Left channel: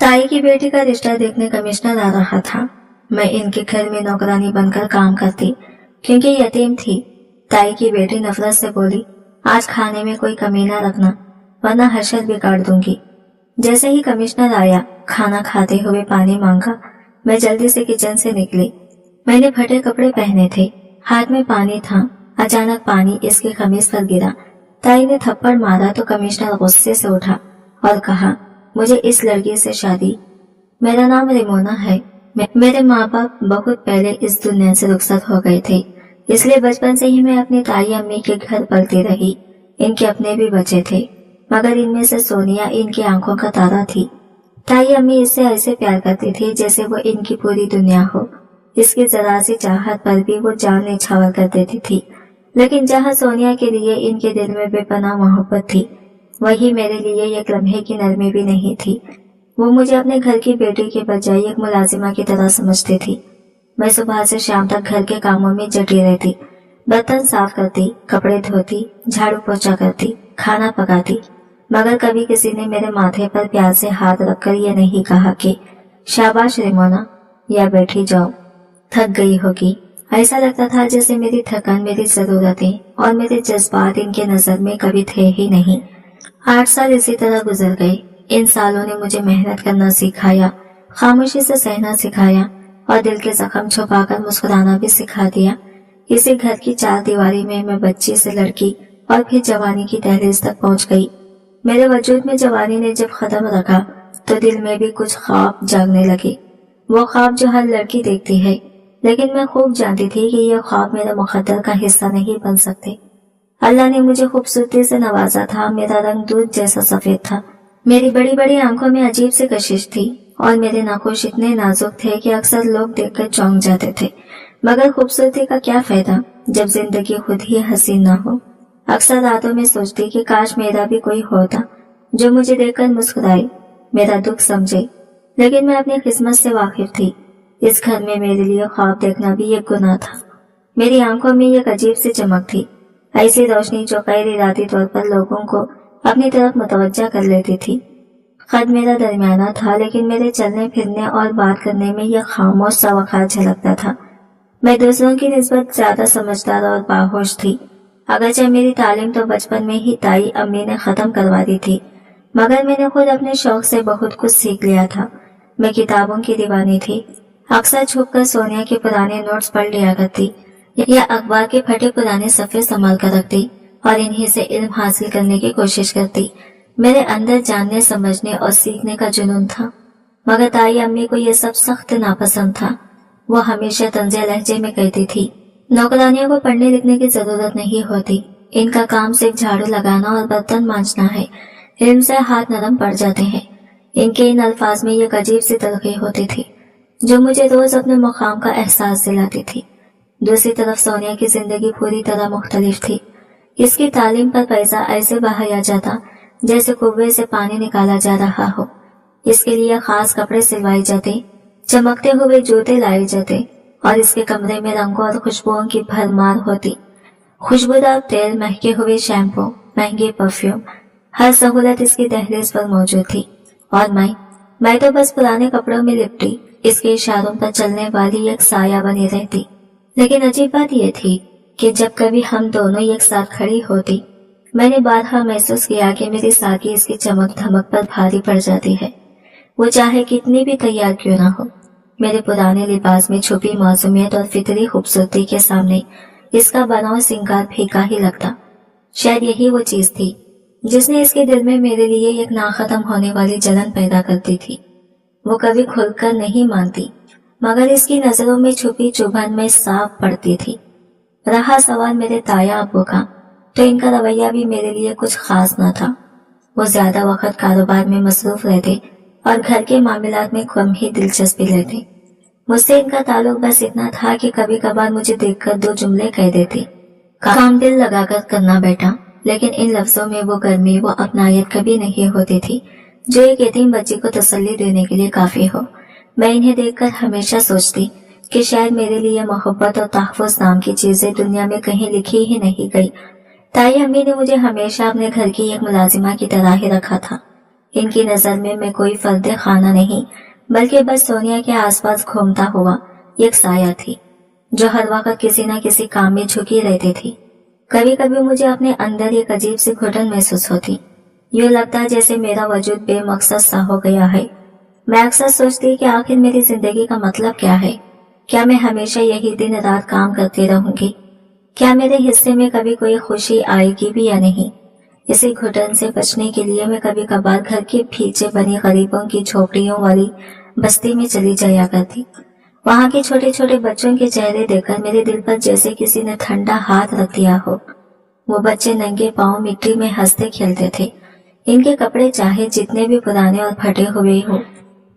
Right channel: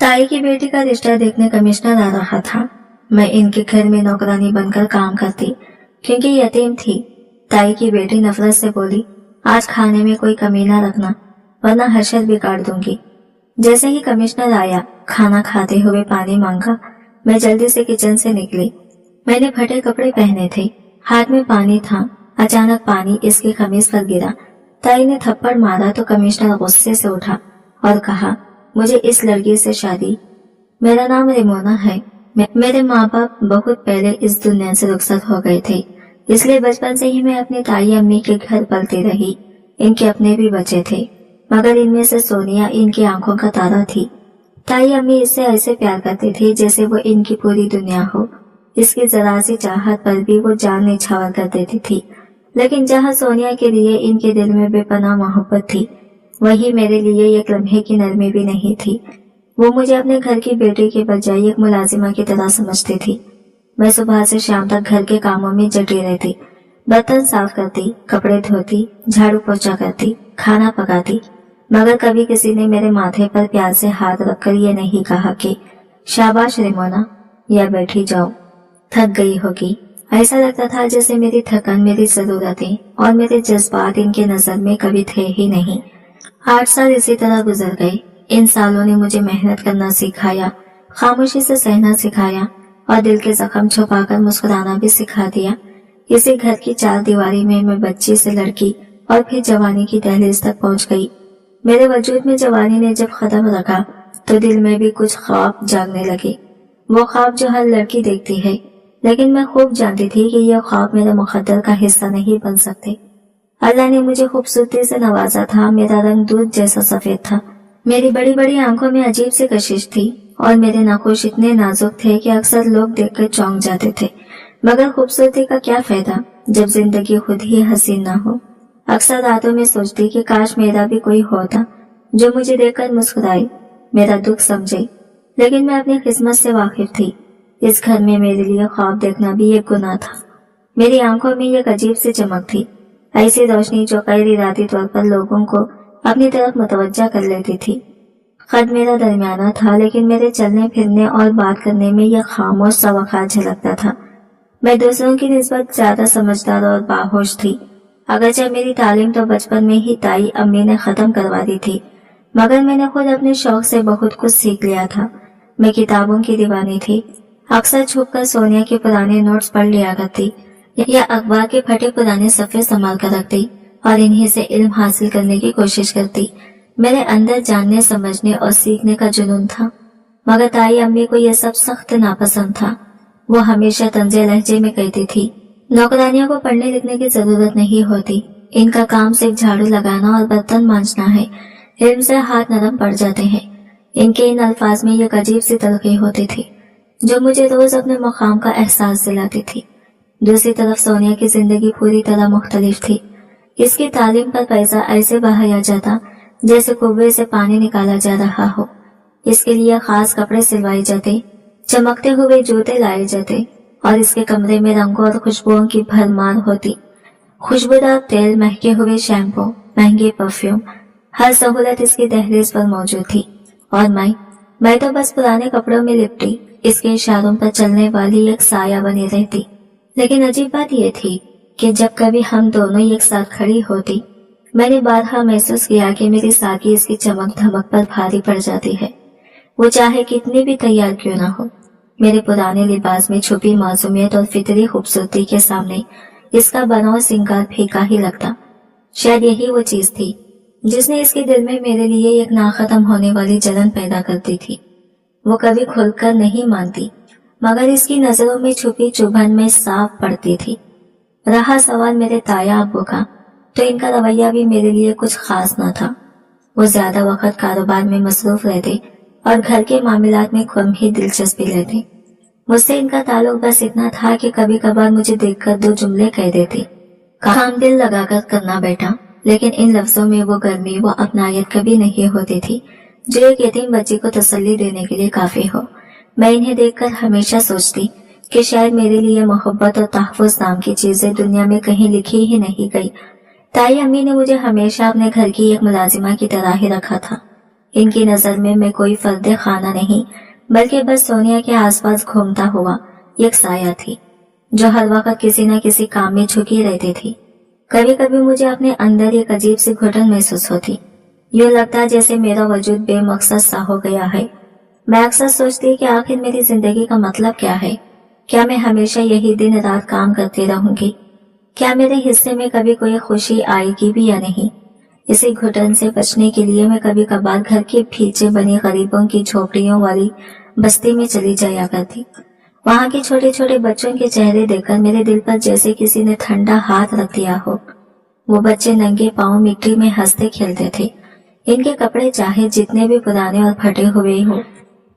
ताई की बेटी का रिश्ता देखने कमिश्नर आ रहा था। मैं इनके घर में नौकरानी बनकर काम करती क्योंकि यतीम थी। ताई की बेटी नफरत से बोली, आज खाने में कोई कमी ना रखना वरना हर्षद बिगाड़ दूंगी। जैसे ही कमिश्नर आया, खाना खाते हुए पानी मांगा। मैं जल्दी से किचन से निकली। मैंने फटे कपड़े पहने थे, हाथ में पानी था। अचानक पानी इसकी कमीज पर गिरा। ताई ने थप्पड़ मारा तो कमिश्नर गुस्से से उठा और कहा, मुझे इस लड़की से शादी। मेरा नाम रेमोना है। मेरे माँ बाप बहुत पहले इस दुनिया से रुखसत हो गए थे, इसलिए बचपन से ही मैं अपनी ताई अम्मी के घर पलती रही। इनके अपने भी बच्चे थे, मगर इनमें से सोनिया इनकी आंखों का तारा थी। ताई अम्मी इससे ऐसे प्यार करती थी जैसे वो इनकी पूरी दुनिया हो। इसकी जरा सी चाहत पर भी वो जान न्यौछावर कर देती थी। लेकिन जहाँ सोनिया के लिए इनके दिल में बेपनाह मोहब्बत थी, वही मेरे लिए एक लम्हे की नरमी भी नहीं थी। वो मुझे अपने घर की बेटी के बजाय एक मुलाजिमा की तरह समझती थी। मैं सुबह से शाम तक घर के कामों में जटी रहती। बर्तन साफ करती, कपड़े धोती, झाड़ू पोछा करती, खाना पकाती, मगर कभी किसी ने मेरे माथे पर प्यार से हाथ रखकर ये नहीं कहा कि शाबाश रेमोना, या बैठी जाओ, थक गई होगी। ऐसा लगता था जैसे मेरी थकान मेरी जरूरतें और मेरे जज्बात इनके नजर में कभी थे ही नहीं। 8 साल इसी तरह गुजर गए। इन सालों ने मुझे मेहनत करना सिखाया, खामोशी से सहना सिखाया और दिल के जख्म छुपाकर मुस्कुराना भी सिखा दिया। इसी घर की 4 दीवारी में मैं बच्ची से लड़की और फिर जवानी की दहलीज तक पहुंच गई। मेरे वजूद में जवानी ने जब कदम रखा तो दिल में भी कुछ ख्वाब जागने लगे। वो ख्वाब जो हर लड़की देखती है, लेकिन मैं खूब जानती थी कि ये ख्वाब मेरे मुकद्दर का हिस्सा नहीं बन सकते। अल्लाह ने मुझे खूबसूरती से नवाजा था। मेरा रंग दूध जैसा सफेद था। मेरी बड़ी बड़ी आंखों में अजीब सी कशिश थी और मेरे नखोश इतने नाजुक थे कि अक्सर लोग देखकर चौंक जाते थे। मगर खूबसूरती का क्या फायदा जब जिंदगी खुद ही हसीन ना हो। अक्सर रातों में सोचती कि काश मेरा भी कोई होता जो मुझे देखकर मुस्कुराए, मेरा दुख समझे। लेकिन मैं अपनी किस्मत से वाकिफ थी। इस घर में मेरे लिए ख्वाब देखना भी एक गुनाह था। मेरी आंखों में एक अजीब सी चमक थी, ऐसी रोशनी जो गैर इरादी तौर पर लोगों को अपनी तरफ मुतवज्जा कर लेती थी। कद मेरा दरमियाना था, लेकिन मेरे चलने फिरने और बात करने में यह खामोश सा वखार झलकता था। मैं दूसरों की निस्बत ज्यादा समझदार और बाहोश थी। अगरचे मेरी तालीम तो बचपन में ही ताई अम्मी ने खत्म करवा दी थी, मगर मैंने खुद अपने शौक से बहुत कुछ सीख लिया था। मैं किताबों की दीवानी थी। अक्सर छुपकर सोनिया के पुराने नोट्स पढ़ लिया करती या अखबार के फटे पुराने सफ़े संभाल कर रखती और इन्हीं से इल्म हासिल करने की कोशिश करती। मेरे अंदर जानने, समझने और सीखने का जुनून था, मगर ताई अम्मी को यह सब सख्त नापसंद था। वो हमेशा तंज़े लहजे में कहती थी, नौकरानियों को पढ़ने लिखने की जरूरत नहीं होती, इनका काम सिर्फ झाड़ू लगाना और बर्तन मांजना है, इल्म से हाथ नरम पड़ जाते हैं। इनके इन अल्फाज में एक अजीब सी तलखी होती थी जो मुझे रोज अपने मुकाम का एहसास दिलाती थी। दूसरी तरफ सोनिया की जिंदगी पूरी तरह मुख्तलिफ थी। इसकी तालीम पर पैसा ऐसे बहाया जाता जैसे कुएं से पानी निकाला जा रहा हो। इसके लिए खास कपड़े सिलवाए जाते, चमकते हुए जूते लाए जाते और इसके कमरे में रंगों और खुशबुओं की भरमार होती। खुशबूदार तेल, महके हुए शैम्पू, महंगे परफ्यूम, हर सहूलत इसकी दहलीज पर मौजूद थी। और मैं तो बस पुराने कपड़ों में लिपटी इसके इशारों पर चलने वाली एक साया बनी रहती। लेकिन अजीब बात यह थी कि जब कभी हम दोनों एक साथ खड़ी होती, मैंने बारहा महसूस किया कि मेरी साकी इसकी चमक धमक पर भारी पड़ जाती है। वो चाहे कितनी भी तैयार क्यों ना हो, मेरे पुराने लिबास में छुपी मासूमियत और फितरी खूबसूरती के सामने इसका बनाव सिंगार फीका ही लगता। शायद यही वो चीज थी जिसने इसके दिल में मेरे लिए एक नाखत्म होने वाली जलन पैदा करती थी। वो कभी खुलकर नहीं मानती, मगर इसकी नजरों में छुपी चुभन में साफ पड़ती थी। रहा सवाल मेरे ताया अब्बू का, तो इनका रवैया भी मेरे लिए कुछ खास न था। वो ज्यादा वक्त कारोबार में मसरूफ रहते और घर के मामलात में कम ही दिलचस्पी लेते। मुझसे इनका ताल्लुक बस इतना था कि कभी कभार मुझे देखकर 2 जुमले कह देते, काम दिल लगाकर करना बेटा। लेकिन इन लफ्जों में वो गर्मी, वो अपनायत कभी नहीं होती थी जो एक यतीम बच्ची को तसल्ली देने के लिए काफी हो। मैं इन्हें देखकर हमेशा सोचती कि शायद मेरे लिए मोहब्बत और तहफ़्फ़ुज़ नाम की चीजें दुनिया में कहीं लिखी ही नहीं गई। ताई अम्मी ने मुझे हमेशा अपने घर की एक मुलाजिमा की तरह ही रखा था। इनकी नजर में मैं कोई फर्द खाना नहीं बल्कि बस सोनिया के आसपास घूमता हुआ एक साया थी जो हर वक्त किसी न किसी काम में झुकी रहती थी। कभी कभी मुझे अपने अंदर एक अजीब सी घुटन महसूस होती, यूं लगता जैसे मेरा वजूद बेमकसद सा हो गया है। मैं अक्सर सोचती कि आखिर मेरी जिंदगी का मतलब क्या है। क्या मैं हमेशा यही दिन रात काम करती रहूंगी? क्या मेरे हिस्से में कभी कोई खुशी आएगी भी या नहीं? इसी घुटन से बचने के लिए मैं कभी कभार घर के पीछे बनी गरीबों की झोपड़ियों वाली बस्ती में चली जाया करती। वहां के छोटे छोटे बच्चों के चेहरे देखकर मेरे दिल पर जैसे किसी ने ठंडा हाथ रख दिया हो। वो बच्चे नंगे पांव मिट्टी में हंसते खेलते थे। इनके कपड़े चाहे जितने भी पुराने और फटे हुए हो,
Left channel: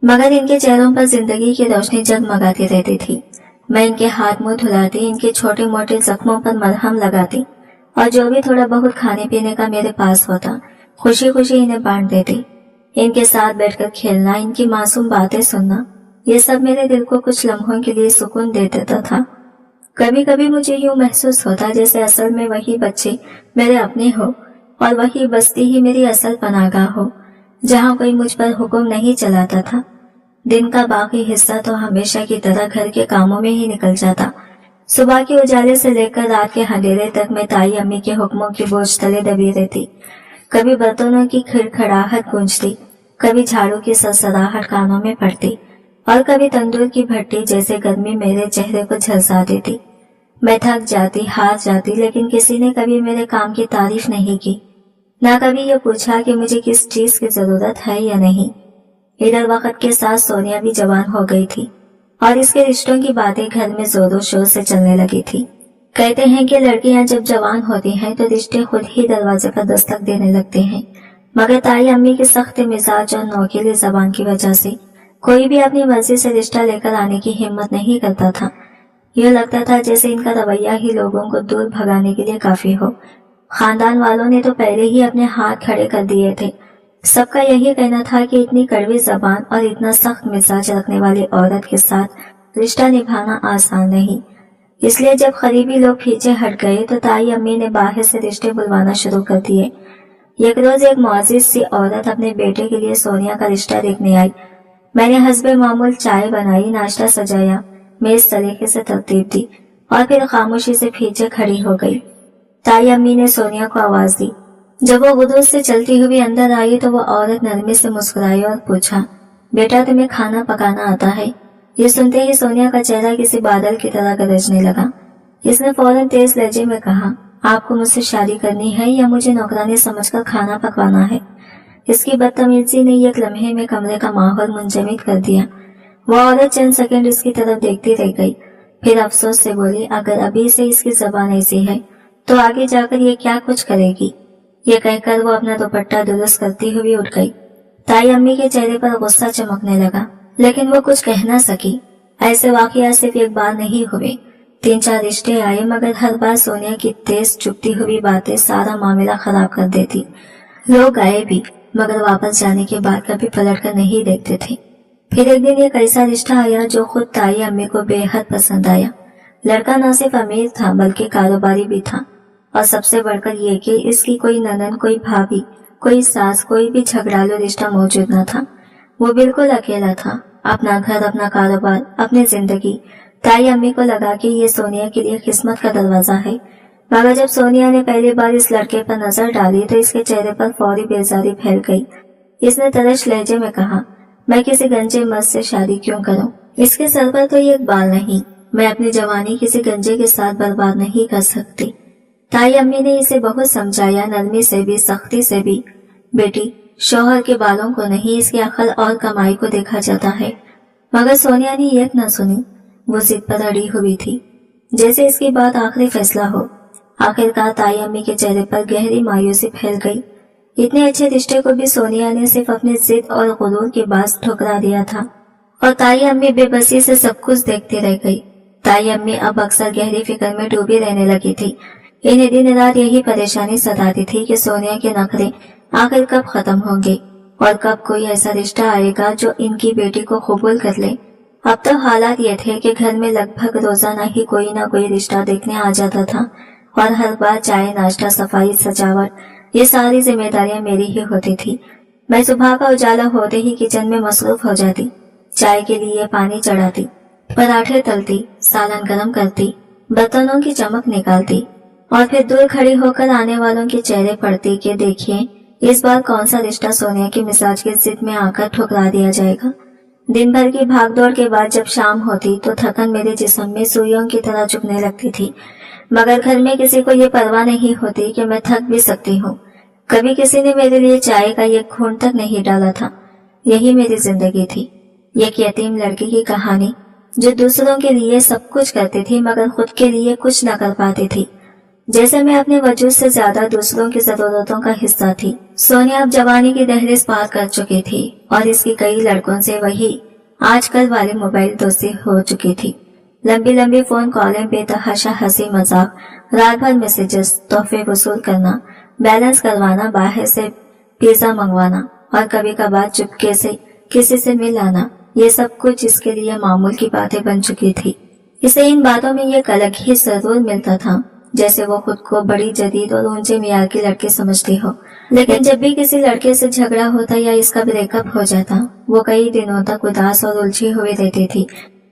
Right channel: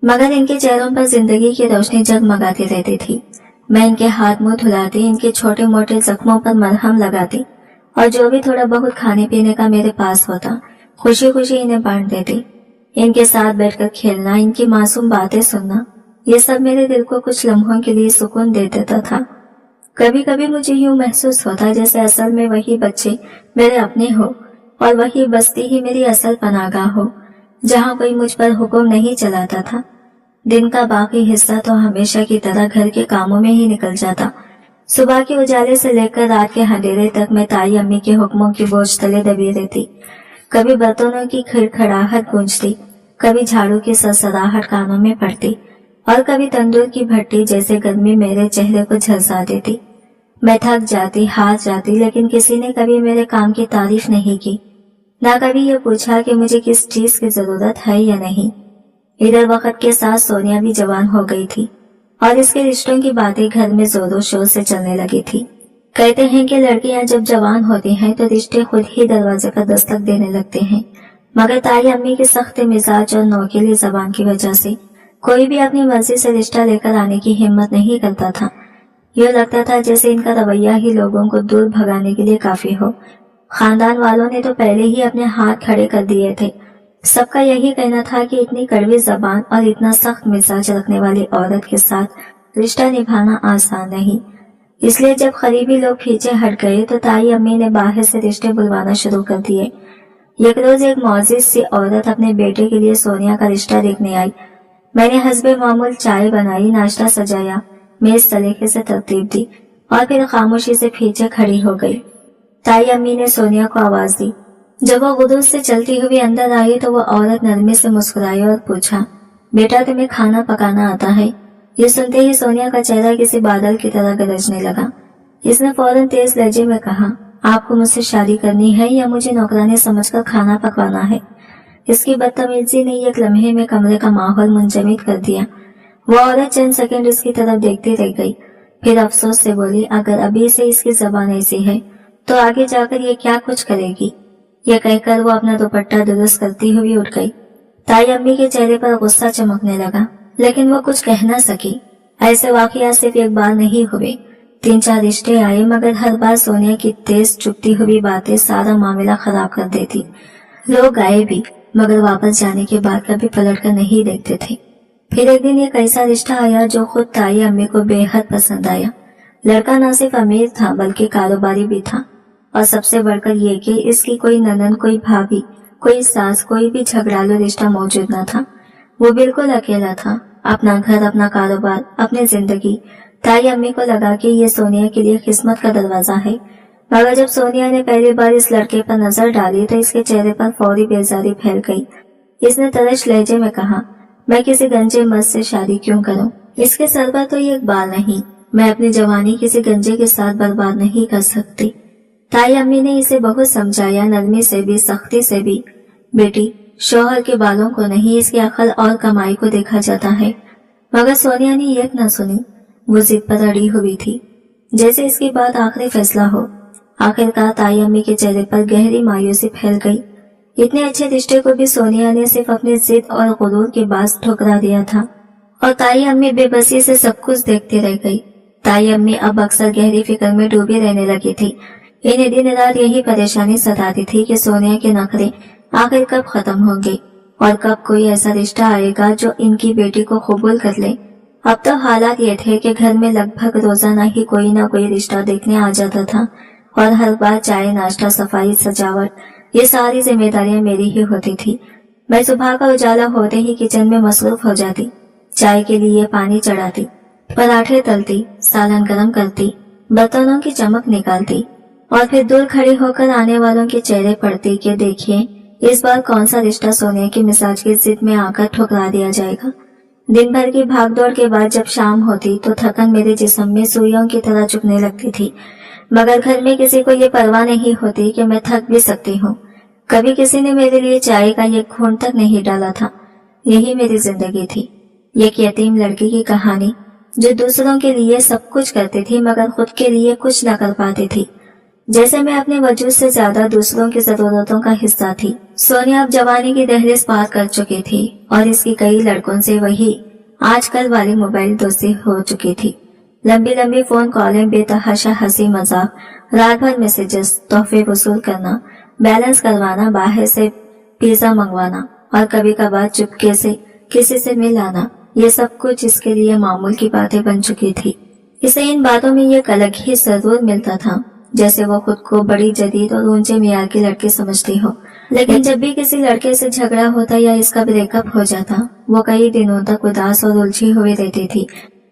मगर इनके चेहरों पर जिंदगी की रोशनी जगमगाती रहती थी। मैं इनके हाथ मुंह धुलाती, इनके छोटे मोटे जख्मों पर मरहम लगाती और जो भी थोड़ा बहुत खाने पीने का मेरे पास होता खुशी खुशी इन्हें बांट देती। इनके साथ बैठकर खेलना, इनकी मासूम बातें सुनना, ये सब मेरे दिल को कुछ लम्हों के लिए सुकून दे देता था। कभी कभी मुझे यूं महसूस होता जैसे असल में वही बच्चे मेरे अपने हो और वही बस्ती ही मेरी असल पनाहगाह हो, जहां कोई मुझ पर हुक्म नहीं चलाता था। दिन का बाकी हिस्सा तो हमेशा की तरह घर के कामों में ही निकल जाता। सुबह के उजाले से लेकर रात के अंधेरे तक मैं ताई अम्मी के हुक्मों की बोझ तले दबी रहती। कभी बर्तनों की खड़खड़ाहट गूंजती, कभी झाड़ू की सरसराहट कानों में पड़ती और कभी तंदूर की भट्टी जैसे गर्मी मेरे चेहरे को झलसा देती। मैं थक जाती, हार जाती, लेकिन किसी ने कभी मेरे काम की तारीफ नहीं की, ना कभी ये पूछा कि मुझे किस चीज की जरूरत है या नहीं। इधर वक्त के साथ सोनिया भी जवान हो गई थी और इसके रिश्तों की बातें घर में जोरों शोर से चलने लगी थी। कहते हैं कि लड़कियां जब जवान होती हैं तो रिश्ते खुद ही दरवाजे पर दस्तक देने लगते हैं, मगर ताई अम्मी की सख्त मिजाज और नोकीली जबान की वजह से कोई भी अपनी मर्जी से रिश्ता लेकर आने की हिम्मत नहीं करता था। यूं लगता था जैसे इनका रवैया ही लोगों को दूर भगाने के लिए काफी हो। खानदान वालों ने तो पहले ही अपने हाथ खड़े कर दिए थे। सबका यही कहना था कि इतनी कड़वी जबान और इतना सख्त मिजाज रखने वाली औरत के साथ रिश्ता निभाना आसान नहीं। इसलिए जब करीबी लोग पीछे हट गए तो ताई अम्मी ने बाहर से रिश्ते बुलवाना शुरू कर दिए। एक रोज एक मुअज्जिज सी औरत अपने बेटे के लिए सोनिया का रिश्ता देखने आई। मैंने हस्बे मामूल चाय बनाई, नाश्ता सजाया, मेज सलीके से तरतीब दी और फिर खामोशी से पीछे खड़ी हो गई। ताई अम्मी ने सोनिया को आवाज दी। जब वो गुदूस से चलती हुई अंदर आई तो वो औरत नरमी से मुस्कुराई और पूछा, बेटा तुम्हें खाना पकाना आता है? ये सुनते ही सोनिया का चेहरा किसी बादल की तरह गरजने लगा। इसने फौरन तेज लहजे में कहा, आपको मुझसे शादी करनी है या मुझे नौकरानी समझकर खाना पकवाना है? इसकी बदतमीजी ने एक लम्हे में कमरे का माहौल मुंजमद कर दिया। वो औरत चंद सेकंड इसकी तरफ देखती रह गई, फिर अफसोस से बोली, अगर अभी से इसकी जबान ऐसी है तो आगे जाकर ये क्या कुछ करेगी। ये कहकर वो अपना दुपट्टा दुरुस्त करती हुई उठ गई। ताई अम्मी के चेहरे पर गुस्सा चमकने लगा, लेकिन वो कुछ कह न सकी। ऐसे वाकया सिर्फ एक बार नहीं हुए, 3-4 रिश्ते आए, मगर हर बार सोनिया की तेज चुपती हुई बातें सारा मामला खराब कर देती। लोग आए भी, मगर वापस जाने के बाद कभी पलट कर नहीं देखते थे। फिर एक दिन एक ऐसा रिश्ता आया जो खुद ताई अम्मी को बेहद पसंद आया। लड़का न सिर्फ अमीर था बल्कि कारोबारी भी था, और सबसे बढ़कर ये कि इसकी कोई ननद, कोई भाभी, कोई सास, कोई भी झगड़ालू रिश्ता मौजूद न था। वो बिल्कुल अकेला था, अपना घर, अपना कारोबार, अपनी जिंदगी। ताई अम्मी को लगा कि ये सोनिया के लिए किस्मत का दरवाजा है, मगर जब सोनिया ने पहली बार इस लड़के पर नजर डाली तो इसके चेहरे पर फौरी बेजारी फैल गई। इसने तरश लहजे में कहा, मैं किसी गंजे मर्द से शादी क्यों करूं? इसके सर पर तो एक बाल नहीं। मैं अपनी जवानी किसी गंजे के साथ बर्बाद नहीं कर सकती। ताई अम्मी ने इसे बहुत समझाया, नरमी से भी, सख्ती से भी। बेटी, शौहर के बालों को नहीं, इसकी अकल और कमाई को देखा जाता है। मगर सोनिया ने एक न सुनी। वो जिद पर अड़ी हुई थी, जैसे इसकी बात आखिरी फैसला हो। आखिरकार ताई अम्मी के चेहरे पर गहरी मायूसी फैल गई। इतने अच्छे रिश्ते को भी सोनिया ने सिर्फ अपनी जिद और गुरूर के बाज ठुकरा दिया था, और ताई अम्मी बेबसी से सब कुछ देखती रह गई। ताई अम्मी अब अक्सर गहरी फिक्र में डूबी रहने लगी थी। इन्हें दिन रात यही परेशानी सताती थी कि सोनिया के नखरे आखिर कब खत्म होंगे और कब कोई ऐसा रिश्ता आएगा जो इनकी बेटी को कबूल कर ले। अब तो हालात ये थे कि घर में लगभग रोजाना ही कोई ना कोई रिश्ता देखने आ जाता था, और हर बार चाय, नाश्ता, सफाई, सजावट, ये सारी जिम्मेदारियां मेरी ही होती थी। मैं सुबह का उजाला होते ही किचन में मसरूफ हो जाती। चाय के लिए पानी चढ़ाती, पराठे तलती, सालन गरम करती, बर्तनों की चमक निकालती और फिर दूर खड़ी होकर आने वालों के चेहरे पढ़ती कि देखिए इस बार कौन सा रिश्ता सोनिया की मिजाज की जिद में आकर ठुकरा दिया जाएगा। दिन भर की भागदौड़ के बाद जब शाम होती तो थकन मेरे जिस्म में सुइयों की तरह चुभने लगती थी, मगर घर में किसी को ये परवाह नहीं होती कि मैं थक भी सकती हूँ। कभी किसी ने मेरे लिए चाय का एक घूंट तक नहीं डाला था। यही मेरी जिंदगी थी, एक यतीम लड़की की कहानी जो दूसरों के लिए सब कुछ करती थी मगर खुद के लिए कुछ न कर पाती थी। जैसे मैं अपने वजूद से ज्यादा दूसरों की जरूरतों का हिस्सा थी। सोनिया अब जवानी की दहलीज पार कर चुकी थी और इसकी कई लड़कों से वही आजकल वाली मोबाइल दोस्ती हो चुकी थी। लंबी लंबी फोन कॉलें, बेतहाशा हंसी मजाक, रात भर मैसेजेस, तोहफे वसूल करना, बैलेंस करवाना, बाहर से पिज्जा मंगवाना और कभी कभार चुपके से किसी से मिल आना, ये सब कुछ इसके लिए मामूल की बातें बन चुकी थी। इसे इन बातों में एक अलग ही सरूर मिलता था, जैसे वो खुद को बड़ी जदीद और ऊंचे मियार की लड़की समझती हो। लेकिन जब भी किसी लड़के से झगड़ा होता या इसका ब्रेकअप हो जाता, वो कई दिनों तक उदास और उलझी हुई रहती थी।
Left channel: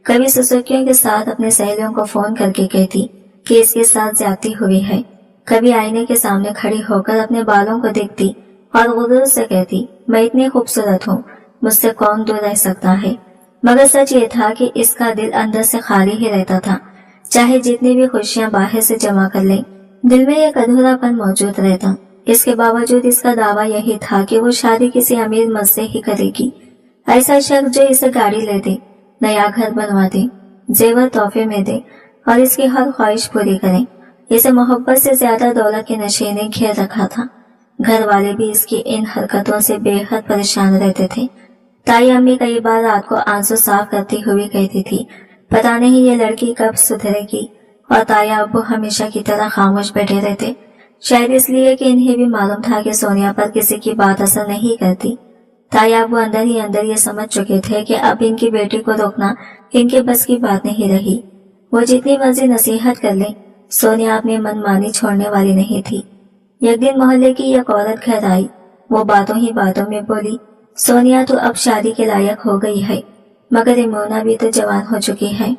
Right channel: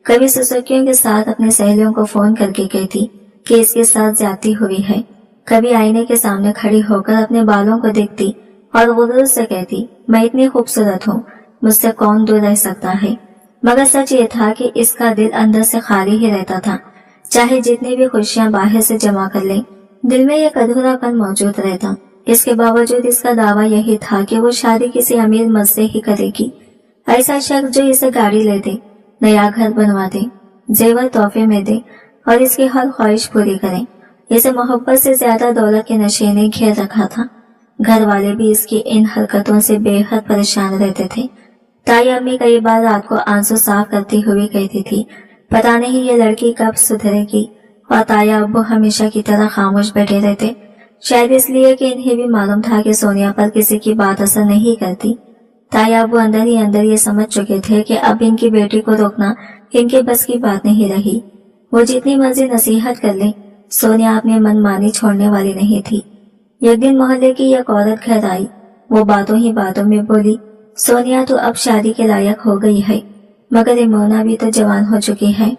कभी सुसुकियों के साथ अपनी सहेलियों को फोन करके कहती कि इसके साथ ज्यादती हुई है। कभी आईने के सामने खड़ी होकर अपने बालों को देखती और गुरूर से कहती, मैं इतनी खूबसूरत हूँ, मुझसे कौन दूर रह सकता है। मगर सच ये था कि इसका दिल अंदर से खाली ही रहता था। चाहे जितनी भी खुशियां बाहर से जमा कर ले, दिल में एक अधूरापन मौजूद रहता। इसके बावजूद इसका दावा यही था कि वो शादी किसी अमीर मर्द से ही करेगी। ऐसा शख्स जो इसे गाड़ी ले दे, नया घर बनवा दे, जेवर तोहफे में दे और इसकी हर ख्वाहिश पूरी करे। इसे मोहब्बत से ज्यादा दौलत के नशे ने घेर रखा था। घर वाले भी इसकी इन हरकतों से बेहद परेशान रहते थे। ताई अम्मी कई बार रात को आंसू साफ करती हुई कहती थी, पता नहीं ये लड़की कब सुधरेगी। और ताया अब्बू हमेशा की तरह खामोश बैठे रहते, शायद इसलिए कि इन्हें भी मालूम था कि सोनिया पर किसी की बात असर नहीं करती। ताया अब्बू अंदर ही अंदर ये समझ चुके थे कि अब इनकी बेटी को रोकना इनके बस की बात नहीं रही। वो जितनी मर्जी नसीहत कर ले, सोनिया अपनी मनमानी छोड़ने वाली नहीं थी। एक दिन मोहल्ले की एक औरत घर आई। वो बातों ही बातों में बोली, सोनिया तो अब शादी के लायक हो गई है, मगर इमोना भी तो जवान हो चुकी है,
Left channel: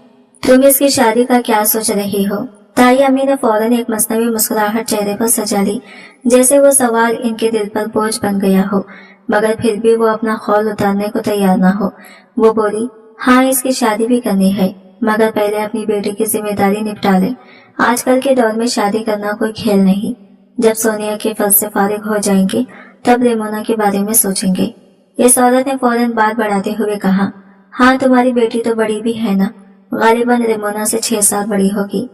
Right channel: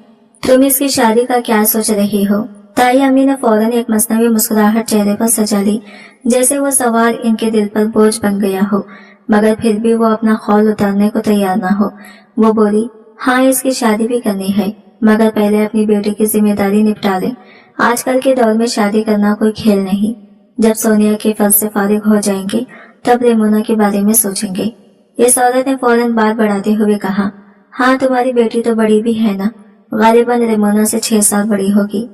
तुम इसकी शादी का क्या सोच रही हो। ताई अम्मी ने फौरन एक मसनवी मुस्कुराहट चेहरे पर सजा ली, जैसे वो सवाल इनके दिल पर बोझ बन गया हो, मगर फिर भी वो अपना खौल उतारने को तैयार ना हो। वो बोली, हाँ इसकी शादी भी करनी है, मगर पहले अपनी बेटी की जिम्मेदारी निपटा ले। आजकल के दौर में शादी करना कोई खेल नहीं। जब सोनिया के फर्ज से फारिग हो जाएंगे तब रेमोना के बारे में सोचेंगे। इस औरत ने फौरन बात बढ़ाते हुए कहा, हाँ तुम्हारी बेटी तो बड़ी भी है ना, गालिबन रेमोना से 6 साल बड़ी होगी।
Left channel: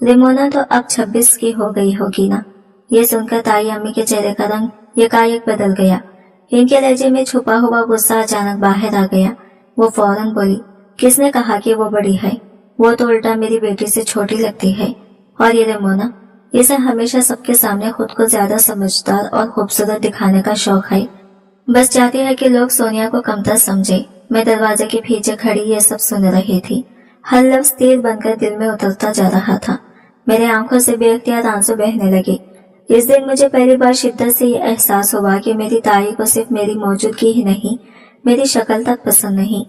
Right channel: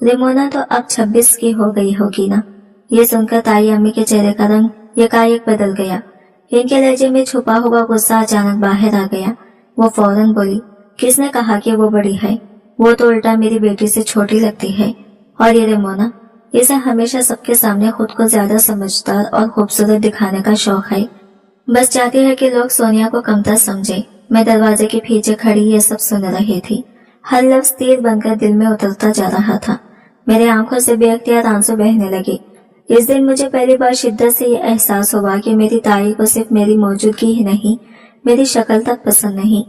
रेमोना तो अब 26 की हो गई होगी ना। ये सुनकर ताई अम्मी के चेहरे का रंग एकाएक बदल गया। इनके लहजे में छुपा हुआ गुस्सा अचानक बाहर आ गया। वो फौरन बोली, किसने कहा कि वो बड़ी है, वो तो उल्टा मेरी बेटी से छोटी लगती है। और ये रेमोना, इसे हमेशा सबके सामने खुद को ज्यादा समझदार और खूबसूरत दिखाने का शौक है। बस चाहती है कि लोग सोनिया को कमतर समझे। मैं दरवाजे के पीछे खड़ी ये सब सुन रही थी। हर लफ्ज तीर बनकर दिल में उतरता जा रहा था। मेरे आंखों से बेअख्तियार आंसू बहने लगे। इस दिन मुझे पहली बार शिद्दत से ये एहसास हुआ कि मेरी ताई को सिर्फ मेरी मौजूदगी ही नहीं, मेरी शक्ल तक पसंद नहीं।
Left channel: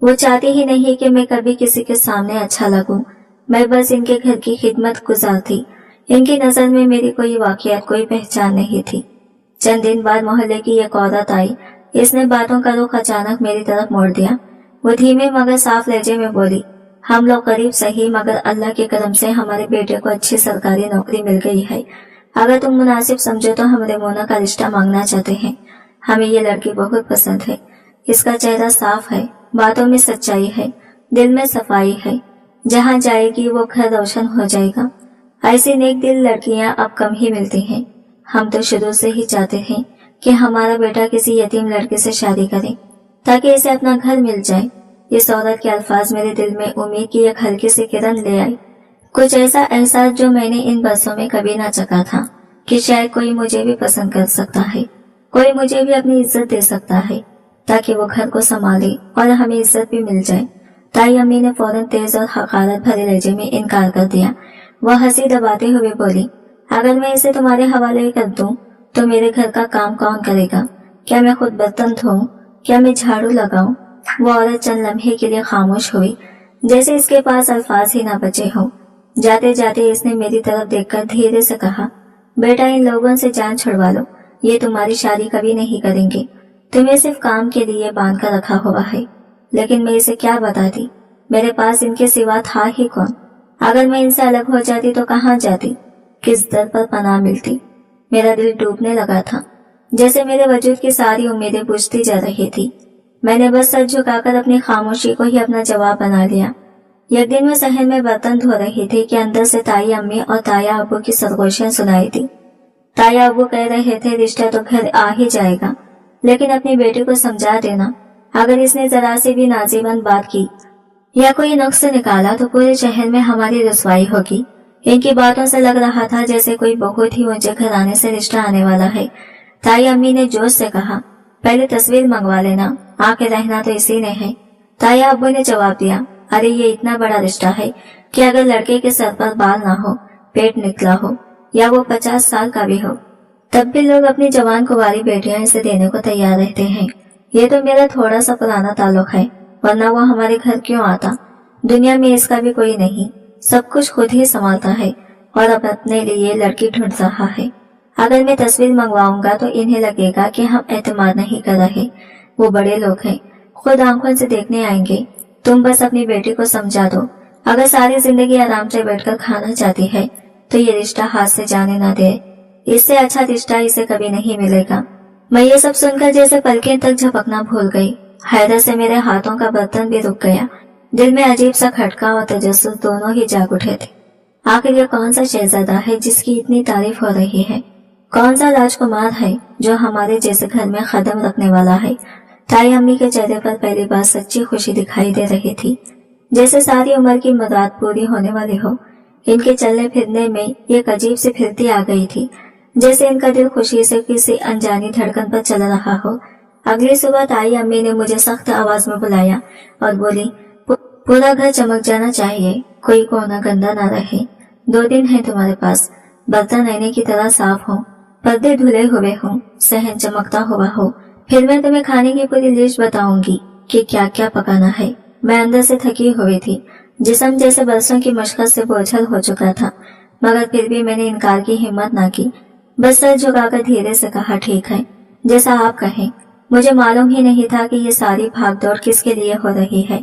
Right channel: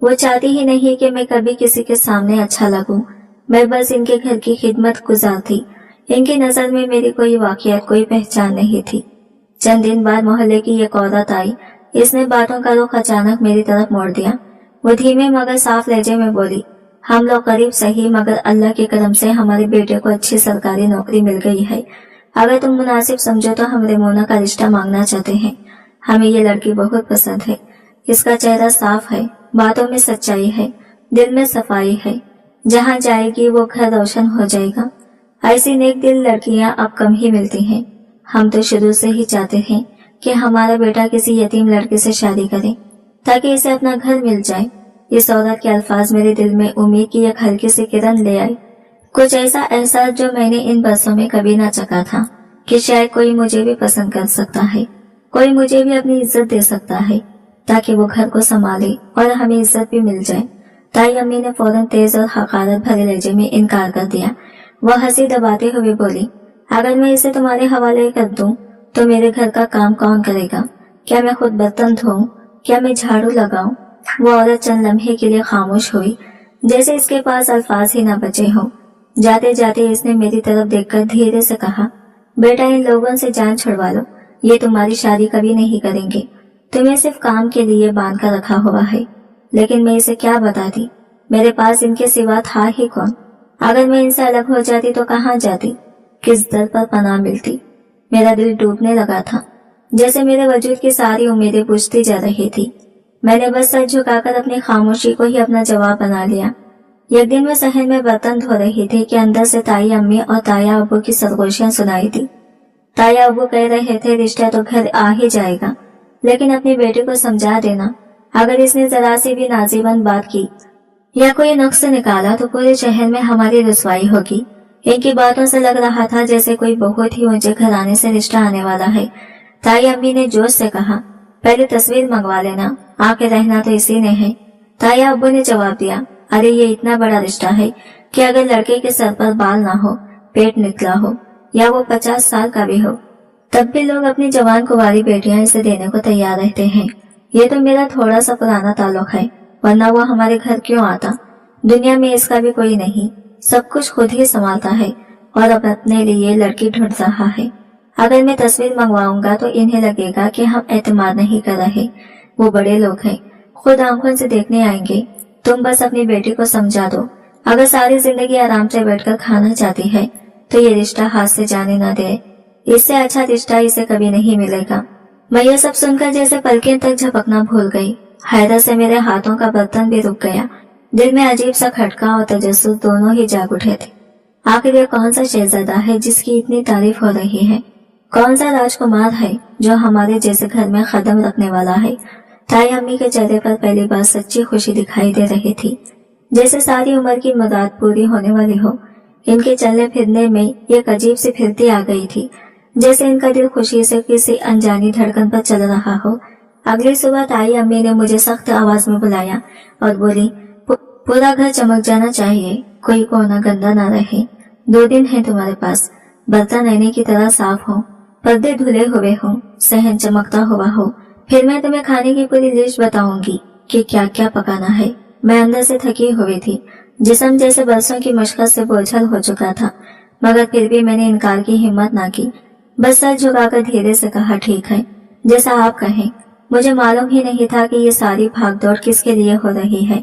वो चाहती ही नहीं कि मैं कभी किसी के सामने अच्छा लगूं। मैं बस इनके घर की खिदमत गुजार थी। इनकी नजर में मेरी कोई वाकईयत, कोई पहचान नहीं थी। चंद दिन बाद मोहल्ले की एक औरत आई। इसने बातों का रुख अचानक मेरी तरफ मोड़ दिया। वो धीमे मगर साफ लहजे में बोली, हम लोग गरीब सही, मगर अल्लाह के करम से हमारे बेटे को अच्छी सरकारी नौकरी मिल गई है। अगर तुम मुनासिब समझो तो हम रेमोना का रिश्ता मांगना चाहते हैं। हमें ये लड़की बहुत पसंद है। इसका चेहरा साफ है, बातों में सच्चाई है, दिल में सफाई है। जहाँ जाएगी वो घर रोशन हो जाएगा। ऐसी नेक दिल लड़कियां अब कम ही मिलती हैं। हम तो शुरू से ही चाहते हैं कि हमारा बेटा किसी यतीम लड़के से शादी करे ताकि इसे अपना घर मिल जाए। इस औरत के अल्फाज मेरे दिल में उम्मीद की एक हल्की सी किरण ले आई। कुछ ऐसा एहसास जो मैंने इन बरसों में कभी ना चखा था कि शायद कोई मुझे भी पसंद कर सकता है, कोई मुझे भी अपनी इज्जत दे सकता है ताकि वो घर को संभाले और हमें इज्जत भी मिल जाए। ताई अम्मी ने फौरन तेज और हकारत भरे लहजे में इनकार कर दिया। वह हंसी दबाते हुए बोली, अगर मैं इसे तुम्हारे हवाले कर दूं तो मेरे घर का काम कौन करेगा? क्या मैं खुद बर्तन धोऊं? क्या मैं झाड़ू लगाऊं? वो औरत चंद लम्हे के लिए खामोश हुई, जैसे इसके पास अल्फाज ही ना बचे हों। जाते जाते इसने मेरी तरफ देखकर धीरे से कहा, बेटा इन लोगों से जान छुड़वा लो, ये तुम्हारी शादी कभी नहीं करेंगे। तुम्हें सिर्फ काम के लिए बांध कर रखा हुआ है। लेकिन मैं इसे क्या बताती? मेरे पास इनके सिवा था ही कौन? अगर मैं इनसे अलग हो जाती तो कहाँ जाती? किस दर पर पनाह मिलती? मेरा दिल डूबने लगा था, जैसे मेरे वजूद की सारी उम्मीदें बुझती जा रही थी। मैंने बस सर झुकाकर अपनी खामोशी को ही अपना जवाब बना लिया। एक दिन मैं सहन में बर्तन धो रही थी कि अंदर से ताई अम्मी और ताया अब्बू की सरगोशियां सुनाई दी। ताया अब्बू कह रहे थे रिश्ता तो घर आ ही जाएगा, लेकिन अपनी बेटी को समझा देना, अगर इसने जरा सी भी नाजीबन बात की या कोई नुक्स निकाला तो पूरे शहर में हमारी रुसवाई होगी। इनकी बातों से लग रहा था जैसे कोई बहुत ही ऊंचे घराने से रिश्ता आने वाला है। ताई अम्मी ने जोश से कहा, पहले तस्वीर मंगवा लेना, आके रहना तो इसी ने है। ताया अब्बू ने जवाब दिया, अरे ये इतना बड़ा रिश्ता है कि अगर लड़के के सर पर बाल ना हो, पेट निकला हो या वो 50 साल का भी हो, तब भी लोग अपनी जवान कुंवारी बेटियां इसे देने को तैयार रहते हैं। ये तो मेरा थोड़ा सा पुराना ताल्लुक है, वरना वो हमारे घर क्यों आता? दुनिया में इसका भी कोई नहीं, सब कुछ खुद ही संभालता है और अब अपने लिए लड़की ढूंढ रहा है। अगर मैं तस्वीर मंगवाऊंगा तो इन्हें लगेगा कि हम एतमाद नहीं कर रहे। वो बड़े लोग हैं, खुद आंखों से देखने आएंगे। तुम बस अपनी बेटी को समझा दो, अगर सारी जिंदगी आराम से बैठकर खाना चाहती है तो ये रिश्ता हाथ से जाने न दे। इससे अच्छा रिश्ता इसे कभी नहीं मिलेगा। मैं ये सब सुनकर जैसे पलकें तक झपकना भूल गई। हैरत से मेरे हाथों का बर्तन भी रुक गया। दिल में अजीब सा खटका और तजस्सुस दोनों ही जाग उठे थे। आखिर ये कौन सा शहजादा है जिसकी इतनी तारीफ हो रही है? कौन सा राजकुमार है जो हमारे जैसे घर में कदम रखने वाला है? ताई अम्मी के चेहरे पर पहली बार सच्ची खुशी दिखाई दे रही थी, जैसे सारी उम्र की मुराद पूरी होने वाली हो। इनके चलने फिरने में एक अजीब सी फिरती आ गई थी, जैसे इनका दिल खुशी से किसी अनजानी धड़कन पर चल रहा हो। अगली सुबह ताई अम्मी ने मुझे सख्त आवाज में बुलाया और बोली, पूरा घर चमक जाना चाहिए, कोई कोना गंदा ना रहे। 2 दिन है तुम्हारे पास, बर्तन आईने की तरह साफ हो, पर्दे धुले हुए हो, सहन चमकता हुआ हो। फिर मैं तुम्हें खाने की पूरी लिस्ट बताऊंगी कि क्या क्या पकाना है। मैं अंदर से थकी हुई थी, जिस्म जैसे बरसों की मशक्कत से बोझल हो चुका था, मगर फिर भी मैंने इनकार की हिम्मत ना की। बस सर झुकाकर धीरे से कहा, ठीक है, जैसा आप कहें। मुझे मालूम ही नहीं था कि ये सारी भागदौड़ किसके लिए हो रही है।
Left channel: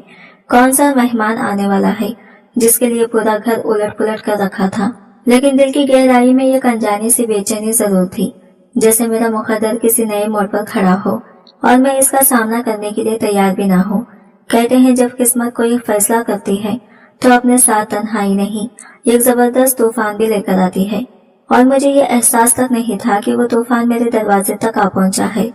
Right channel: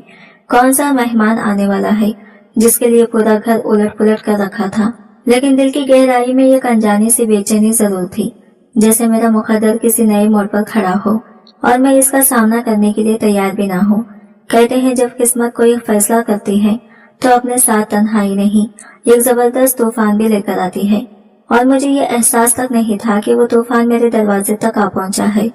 कौन सा मेहमान आने वाला है जिसके लिए पूरा घर उलट पुलट कर रखा था। लेकिन दिल की गहराई में एक अनजानी सी बेचैनी जरूर थी, जैसे मेरा मुकद्दर किसी नए मोड़ पर खड़ा हो और मैं इसका सामना करने के लिए तैयार भी ना हो। कहते हैं जब किस्मत कोई फैसला करती है तो अपने साथ तन्हाई नहीं, एक जबरदस्त तूफान भी लेकर आती है। और मुझे ये एहसास तक नहीं था कि वो तूफान मेरे दरवाजे तक आ पहुंचा है।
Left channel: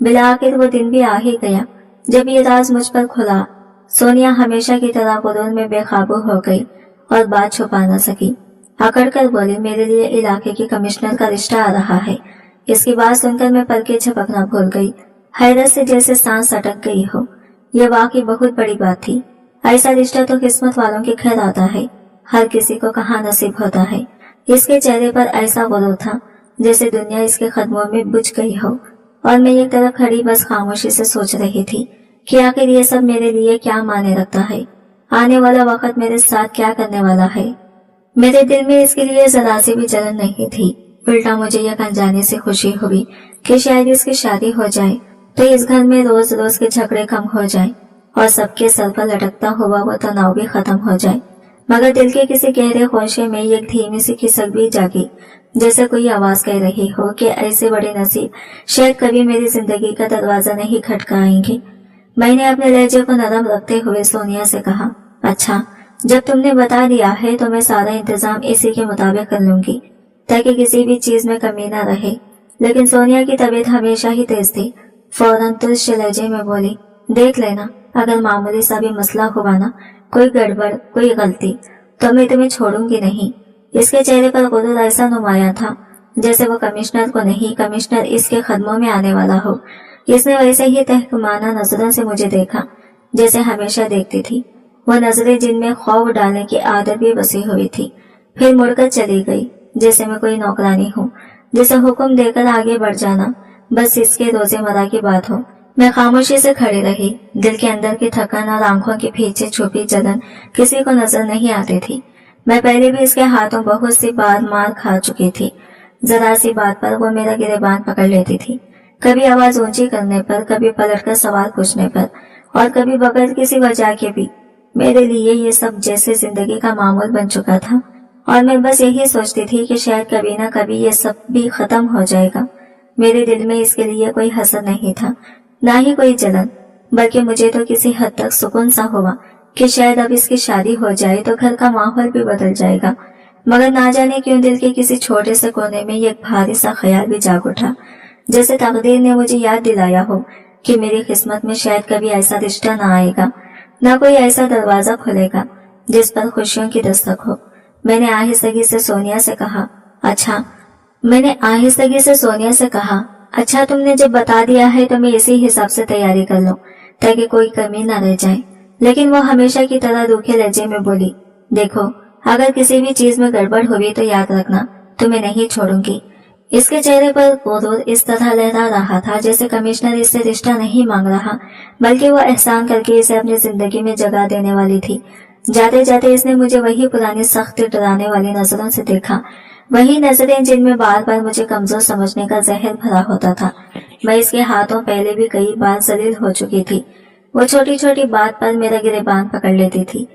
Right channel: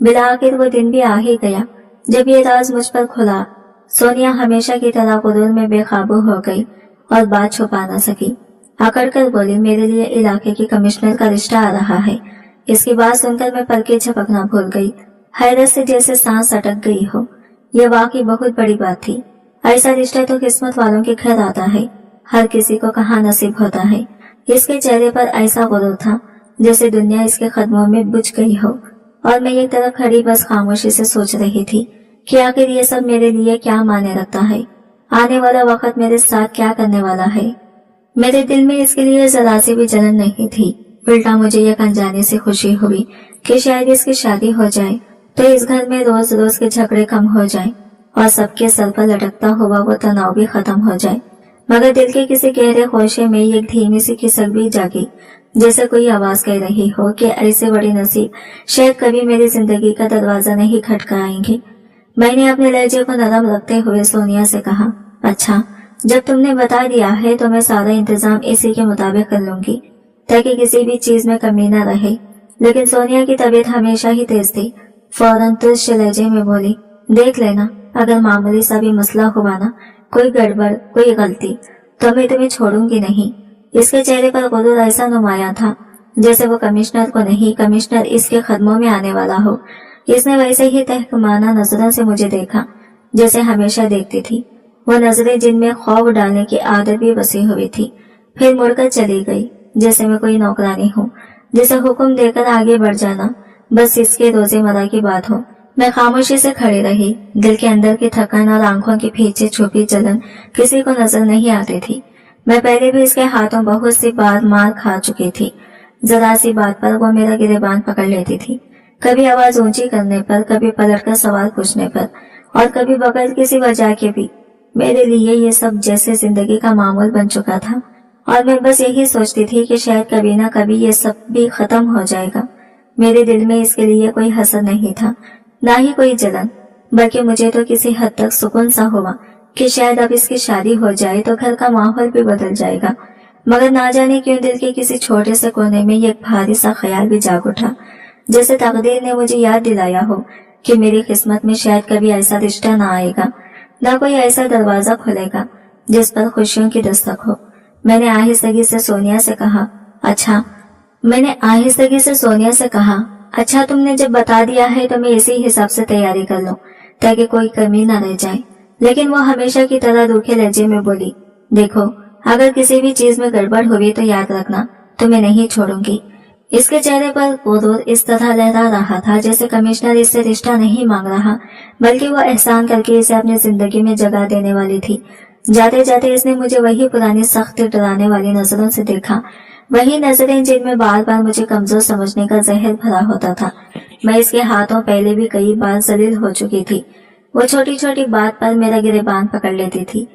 बिला आखिर वो दिन भी आ ही गया जब ये राज मुझ पर खुला। सोनिया हमेशा की तरह गुरूर में बेकाबू हो गई और बात छुपा न सकी। अकड़ कर बोली, मेरे लिए इलाके के कमिश्नर का रिश्ता आ रहा है। इसकी बात सुनकर मैं पलके झपकना भूल गई, हैरत से जैसे सांस अटक गई हो। यह वाकई बहुत बड़ी बात थी। ऐसा रिश्ता तो किस्मत वालों के घर आता है, हर किसी को कहाँ नसीब होता है। इसके चेहरे पर ऐसा गुरूर था जैसे दुनिया इसके कदमों में बुझ गई हो, और मैं एक तरफ खड़ी बस खामोशी से सोच रही थी कि आखिर ये सब मेरे लिए क्या मायने रखता है, आने वाला वक्त मेरे साथ क्या करने वाला है। मेरे दिल में इसके लिए जरा सी भी जलन नहीं थी, उल्टा मुझे यह अनजाने से खुशी हुई कि शायद इसकी शादी हो जाए तो इस घर में रोज रोज के झगड़े कम हो जाए और सबके सर पर लटकता हुआ वो तनाव भी खत्म हो जाए। मगर दिल के किसी गहरे ख्वाहिश में एक धीमी सी खिसक भी जागी, जैसे कोई आवाज कह रही हो कि ऐसे बड़े नसीब शायद कभी मेरी जिंदगी का दरवाजा नहीं खटकाएंगे। मैंने अपने लहजे को नरम रखते हुए सोनिया से कहा, अच्छा, जब तुमने बता दिया है तो मैं सारा इंतजाम इसी के मुताबिक कर लूंगी ताकि किसी भी चीज में कमी न रहे। लेकिन सोनिया की तबीयत हमेशा ही तेज थी। फौरन तुझ लहजे में बोली, देख लेना, अगर मामूली सा भी मसला हुआ ना, कोई गड़बड़ कोई गलती, तो मैं तुम्हें छोड़ूंगी नहीं। इसके चेहरे पर गुरूर ऐसा नुमाया था जैसे वो कमिश्नर को नहीं, कमिश्नर इसके कदमों में आने वाला हो। इसने वैसे ही तहकमाना नजरों से मुझे देखा जैसे हमेशा देखती थी, वह नजरें जिनमें खौफ डालने की आदत भी बसी हुई थी। फिर मुड़कर चली गई जैसे मैं कोई नौकरानी हूँ जिसे हुक्म देकर आगे बढ़ जाना, बस इसके रोजेमर्रा की बात हो। मैं खामोशी से खड़ी रही। दिल के अंदर की थकन और आंखों के पीछे छुपी जलन किसी को नजर नहीं आती थी। मैं पहले भी इसके हाथों बहुत सी बार मार खा चुकी थी। जरा सी बात पर वो मेरा गिरेबान पकड़ लेती थी, कभी आवाज ऊंची करने पर, कभी पलटकर सवाल पूछने पर, और कभी बगैर किसी वजह के भी। मेरे लिए ये सब जैसे जिंदगी का मामूल बन चुका था और मैं बस यही सोचती थी कि शायद कभी ना कभी ये सब भी खत्म हो जाएगा। मेरे दिल में इसके लिए कोई हसद नहीं था, ना ही कोई जलन, बल्कि मुझे तो किसी हद तक सुकून सा हुआ कि शायद अब इसकी शादी हो जाए तो घर का माहौल भी बदल जाएगा। मगर ना जाने क्यों दिल के किसी छोटे से कोने में एक भारी सा ख्याल भी जाग उठा, जैसे तकदीर ने मुझे याद दिलाया हो कि मेरी किस्मत में शायद कभी ऐसा रिश्ता ना आएगा, ना कोई ऐसा दरवाजा खुलेगा जिस पर खुशियों की दस्तक हो। मैंने आहिस्तगी से सोनिया से कहा, अच्छा तुमने जब बता दिया है तो मैं इसी हिसाब से तैयारी कर लूं ताकि कोई कमी न रह जाए। लेकिन वो हमेशा की तरह रूखे लहजे में बोली, देखो अगर किसी भी चीज में गड़बड़ हुई तो याद रखना, तुम्हें नहीं छोड़ूंगी। इसके चेहरे पर गुरूर इस तरह लहरा रहा था जैसे कमिश्नर इससे रिश्ता नहीं मांग रहा, बल्कि वो एहसान करके इसे अपनी जिंदगी में जगह देने वाली थी। जाते जाते इसने मुझे वही पुरानी सख्त डराने वाली नजरों से देखा, वही नजरें जिनमें बार बार मुझे कमजोर समझने का जहर भरा होता था। मैं इसके हाथों पहले भी कई बार जलील हो चुकी थी। वो छोटी छोटी बात पर मेरा गिरेबान पकड़ लेती थी,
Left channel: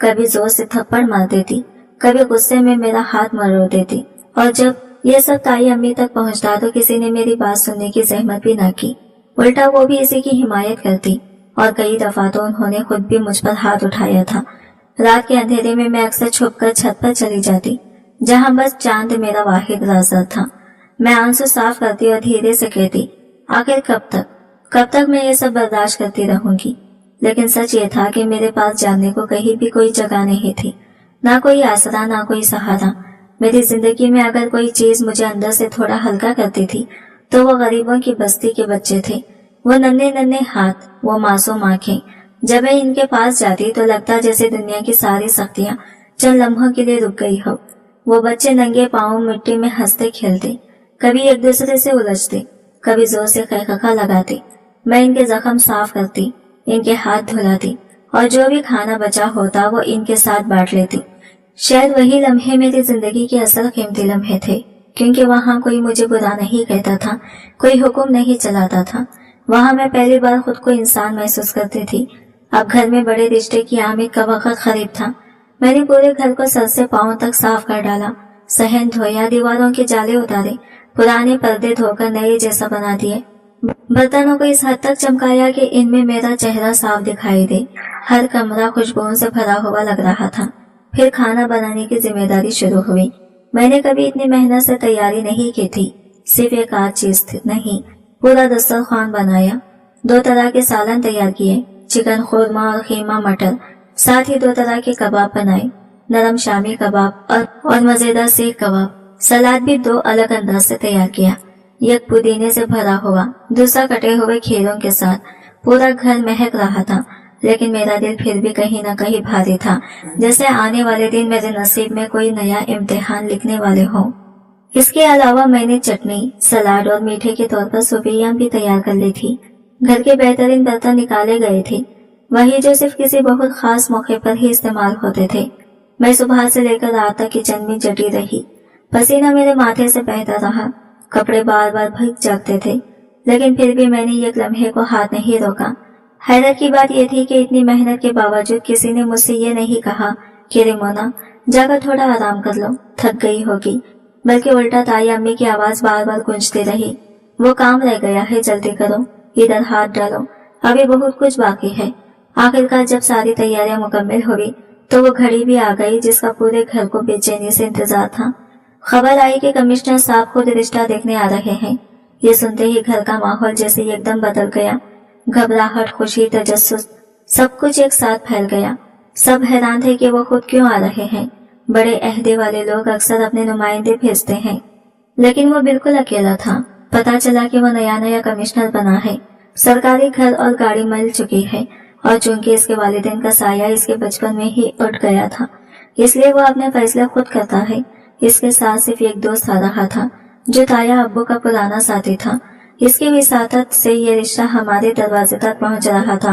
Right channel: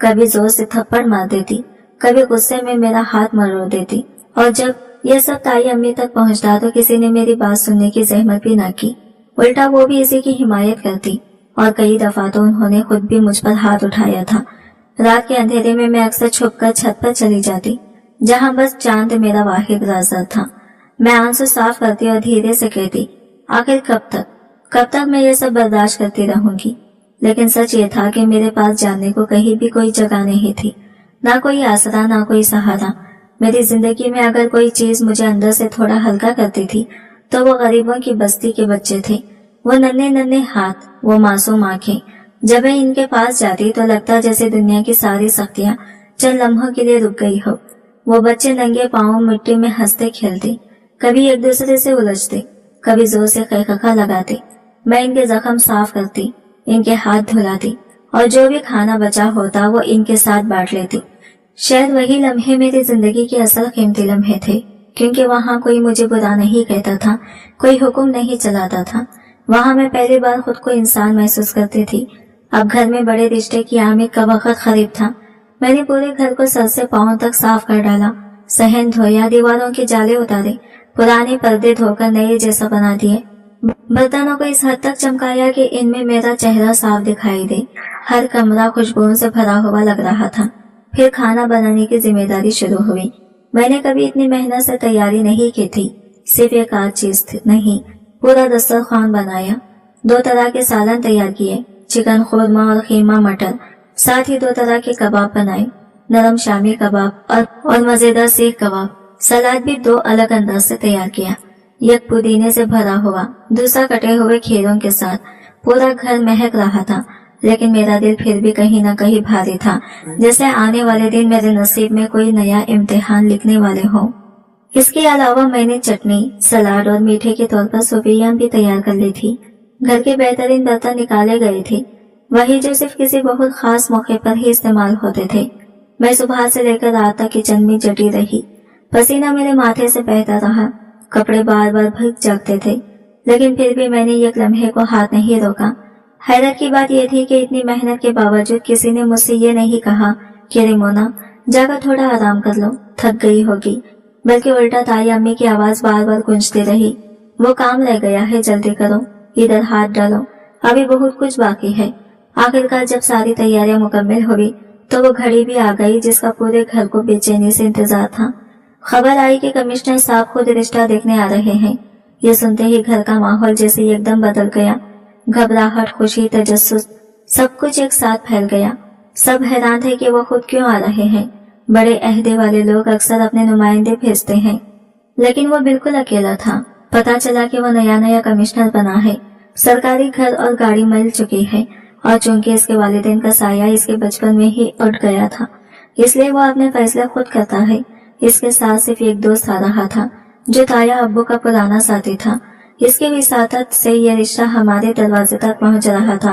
कभी जोर से थप्पड़ मार देती, कभी गुस्से में मेरा हाथ मरोड़ देती, और जब यह सब ताई अम्मी तक पहुंचता तो किसी ने मेरी बात सुनने की जहमत भी ना की। उल्टा वो भी इसी की हिमायत करती, और कई दफा तो उन्होंने खुद भी मुझ पर हाथ उठाया था। रात के अंधेरे में मैं अक्सर छुपकर छत पर चली जाती, जहां बस चांद मेरा वाहिद राज़ था। मैं आंसू साफ करती और धीरे से कहती, आखिर कब तक मैं ये सब बर्दाश्त करती रहूंगी। लेकिन सच ये था कि मेरे पास जाने को कहीं भी कोई जगह नहीं थी, ना कोई आसरा, ना कोई सहारा। मेरी जिंदगी में अगर कोई चीज मुझे अंदर से थोड़ा हल्का करती थी तो वो गरीबों की बस्ती के बच्चे थे। वो नन्हे नन्हे हाथ, वो मासूम आंखें। जब मैं इनके पास जाती तो लगता जैसे दुनिया की सारी सख्तियां चंद लम्हों के लिए रुक गई हो। वो बच्चे नंगे पांव मिट्टी में हंसते खेलते, कभी एक दूसरे से उलझते, कभी जोर से खैखा लगाते। मैं इनके जख्म साफ करती, इनके हाथ धुलाती, और जो भी खाना बचा होता वो इनके साथ बांट लेती। शायद वही लम्हे मेरी जिंदगी के असल कीमती लम्हे थे, क्योंकि वहाँ कोई मुझे बुरा नहीं कहता था, कोई हुक्म नहीं चलाता था। वहाँ मैं पहली बार खुद को इंसान महसूस करती थी। अब घर में बड़े रिश्ते की आमद का वक्त करीब था। मैंने पूरे घर को सर से पांव तक साफ कर डाला, सहन धोया, दीवारों के जाले उतारे, पुराने पर्दे धोकर नए जैसा बना दिए, बर्तनों को इस हद तक चमकाया कि इनमें मेरा चेहरा साफ दिखाई दे। हर कमरा खुशबुओं से भरा हुआ लग रहा था। फिर खाना बनाने की जिम्मेदारी शुरू हुई। मैंने कभी इतनी मेहनत से तैयारी नहीं की थी। सिर्फ एक आध चीज नहीं, पूरा दस्तरखान बनाया। 2 तरह के सालन तैयार किए, चिकन खुरमा और खीमा मटर। साथ ही 2 तरह के कबाब बनाए, नरम शामी कबाब और मजेदार सीख कबाब। सलाद भी 2 अलग अंदाज से तैयार किया, एक पुदीने से भरा हुआ, दूसरा कटे हुए खीरों के साथ। पूरा घर महक रहा था, लेकिन मेरा दिल फिर भी कहीं न कहीं भारी था, जैसे आने वाले दिन मेरे नसीब में कोई नया इम्तिहान लिखने वाले हों। इसके अलावा मैंने चटनी, सलाद और मीठे के तौर पर सूफियां भी तैयार कर ली थी। घर के बेहतरीन बर्तन निकाले गए थे, वही जो सिर्फ किसी बहुत खास मौके पर ही इस्तेमाल होते थे। मैं सुबह से लेकर रात तक किचन में जटी रही। पसीना मेरे माथे से बहता रहा, कपड़े बार बार भीग जाते थे, लेकिन फिर भी मैंने एक लम्हे को हाथ नहीं रोका। हैरत की बात यह थी कि इतनी मेहनत के बावजूद किसी ने मुझसे ये नहीं कहा कि रिमोना जाकर थोड़ा आराम कर लो, थक गई होगी, बल्कि उल्टा ताई अम्मी की आवाज बार बार गूंजती रही, वो काम रह गया है, जल्दी करो, इधर हाथ डालो, अभी बहुत कुछ बाकी है। आखिरकार जब सारी तैयारियां मुकम्मल हुई तो वो घड़ी भी आ गई जिसका पूरे घर को बेचैनी से इंतजार था। खबर आई कि कमिश्नर साहब खुद रिश्ता देखने आ रहे हैं। ये सुनते ही घर का माहौल जैसे एकदम बदल गया। घबराहट, खुशी, तजस्सुस, सब कुछ एक साथ फैल गया। सब हैरान थे कि वो खुद क्यों आ रहे हैं। बड़े अहदे वाले लोग अक्सर अपने नुमाइंदे भेजते हैं, लेकिन वो बिल्कुल अकेला था। पता चला कि वो नया कमिश्नर बना है। सरकारी घर और गाड़ी मिल चुकी है, और चूंकि इसके वालिदैन का साया इसके बचपन में ही उठ गया था, इसलिए वो अपने फैसले खुद करता है। इसके साथ सिर्फ एक दोस्त आ रहा था, जो ताया अब्बू का पुराना साथी था। इसकी विसातत से ये रिश्ता हमारे दरवाजे तक पहुंच रहा था।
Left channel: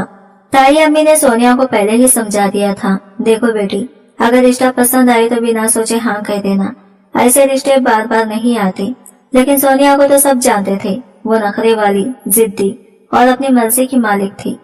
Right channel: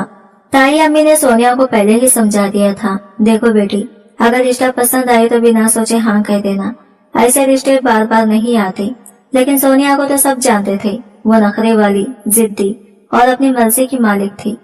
ताई अम्मी ने सोनिया को पहले ही समझा दिया था, देखो बेटी, अगर रिश्ता पसंद आए तो बिना सोचे हाँ कह देना, ऐसे रिश्ते बार बार नहीं आते। लेकिन सोनिया को तो सब जानते थे, वो नखरे वाली, जिद्दी और अपनी मर्जी की मालिक थी।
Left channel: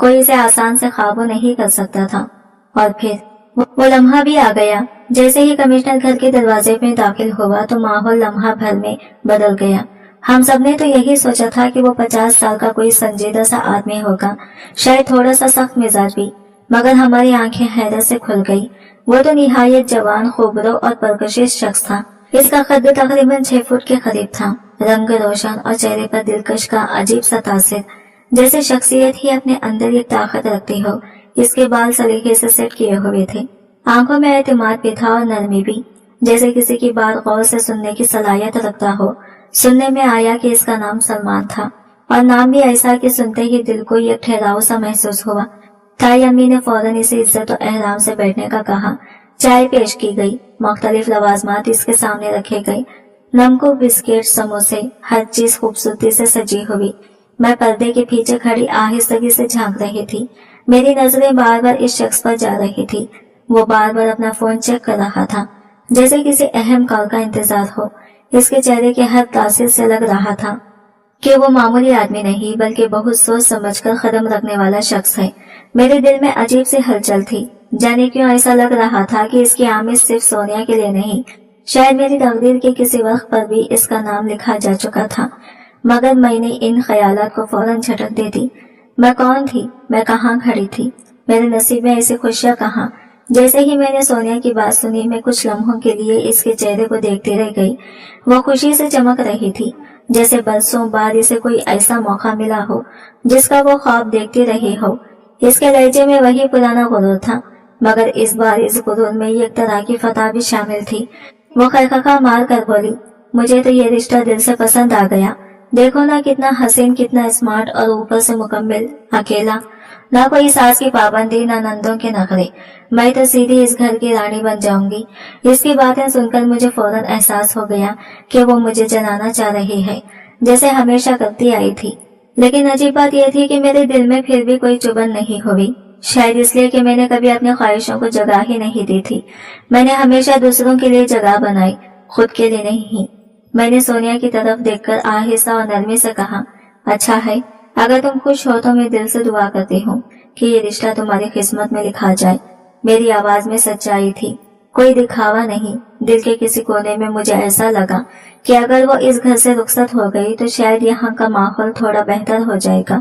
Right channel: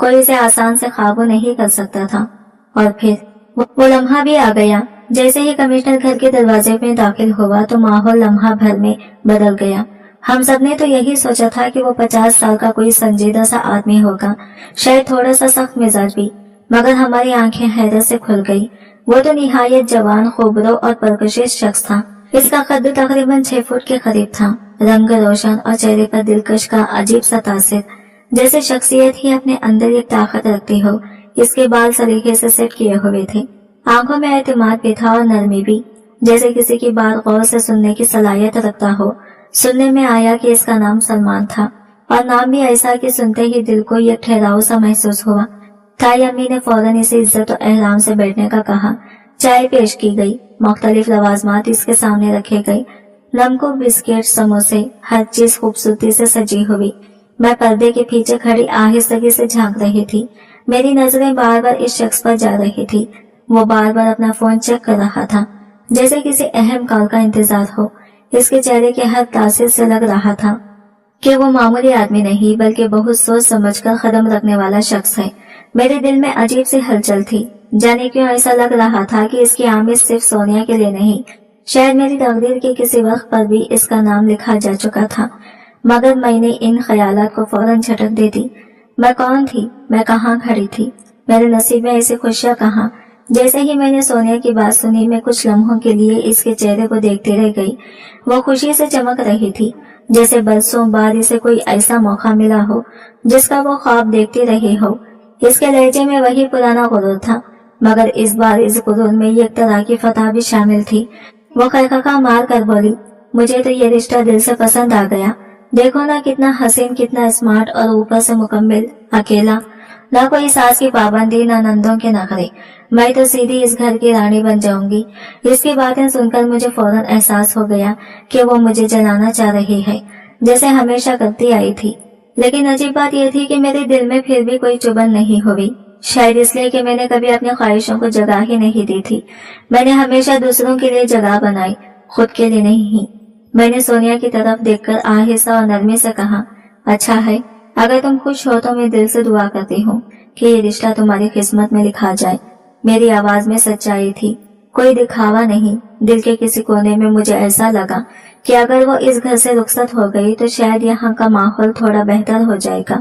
कोई इसे आसान से काबू नहीं कर सकता था। और फिर वो लम्हा भी आ गया। जैसे ही कमिश्नर घर के दरवाजे में दाखिल हुआ तो माहौल लम्हा भर में बदल गया। हम सब ने तो यही सोचा था कि वो 50 साल का कोई संजीदा सा आदमी होगा, शायद थोड़ा सा सख्त मिजाज भी, मगर हमारी आंखें हैरत से खुल गई। वो तो निहायत जवान, खूबरो और परकशिश शख्स था। इसका कद तकरीबन 6 फुट के करीब था, रंग रोशन और चेहरे पर दिलकश का अजीब सा तासिर, जैसे शख्सियत ही अपने अंदर एक ताकत रखती हो। इसके बाल सलीके से सेट किए हुए थे, आंखों में एतमाद भी था और नरमी भी, जैसे किसी की बात गौर से सुनने की सलाहियत रखता हो। सुनने में आया कि इसका नाम सलमान था, और नाम भी ऐसा कि सुनते ही दिल को एक ठहराव सा महसूस हुआ। ताई अम्मी ने फौरन इसे इज्जत और एहराम से बैठने का कहा। चाय पेश की गई, मुख्तलिफ लवाजमात इसके सामने रखे गए, नमको, बिस्किट, समोसे, हर चीज खूबसूरती से सजी हुई। मैं पर्दे के पीछे खड़ी आहिस्तगी से झांक रही थी। मेरी नजरें बार बार इस शख्स पर जा रही थी। वो बार बार अपना फोन चेक कर रहा था, जैसे किसी अहम कॉल का इंतजार हो। इसके चेहरे के हर तासीर से लग रहा था कि वो मामूली आदमी नहीं, बल्कि बहुत सोच समझकर कदम रखने वाला शख्स है। मेरे दिल में अजीब सी हलचल थी। जाने क्यों ऐसा लग रहा था कि इसकी आमद सिर्फ सोनिया के लिए नहीं, शायद मेरी तकदीर के किसी वक्त पर भी इसका नाम लिखा जा चुका था। मगर मैंने इन ख्यालात को फौरन झटक दे दी। मैं कौन थी, मैं कहाँ खड़ी थी, मेरे नसीब में ऐसी खुशियां कहाँ। जैसे ही मैंने सोनिया की बात सुनी, मैं कुछ लम्हों के लिए इसके चेहरे को देखती रह गई। वो खुशी से चमक रही थी, जैसे बरसों बाद इसे कोई ऐसा मौका मिला हो जिसका वो ख्वाब देखती रही हो। इसके लहजे में वही पुराना गुरूर था, मगर इस बार इस गुरूर में एक तरह की फतह भी शामिल थी। वो खैखा मार कर बोली, मुझे तो ये रिश्ता दिल से पसंद आ गया। देखो ना, कितना हसीन, कितना स्मार्ट, और ऊपर से मुकम्मल अकेला, ना कोई सास की पाबंदी, ना नंदों के नखरे। मैं तो सीधी इस घर की रानी बन जाऊंगी। इसकी बातें सुनकर मुझे फौरन एहसास हो गया कि वो मुझे जलाना चाह रही है, जैसे हमेशा करती आई थी। लेकिन अजीब बात यह थी कि मेरे दिल में फिर भी कोई चुभन नहीं हुई, शायद इसलिए कि मैंने कभी अपनी ख्वाहिशों को जगह ही नहीं दी थी। मैंने हमेशा दूसरों के लिए जगह बनाई, खुद के लिए नहीं। मैंने सोनिया की तरफ देखकर आहिस्ता और नरमी से कहा, अच्छा है, अगर तुम खुश हो तो मैं दिल से दुआ करती हूँ कि ये रिश्ता तुम्हारी किस्मत में लिखा जाए। मेरी आवाज में सच्चाई थी, कोई दिखावा नहीं। दिल के किसी कोने में मुझे ऐसा लगा कि अगर वो इस घर से रुखसत हो गई तो शायद यहाँ का माहौल थोड़ा बेहतर हो जाएगा,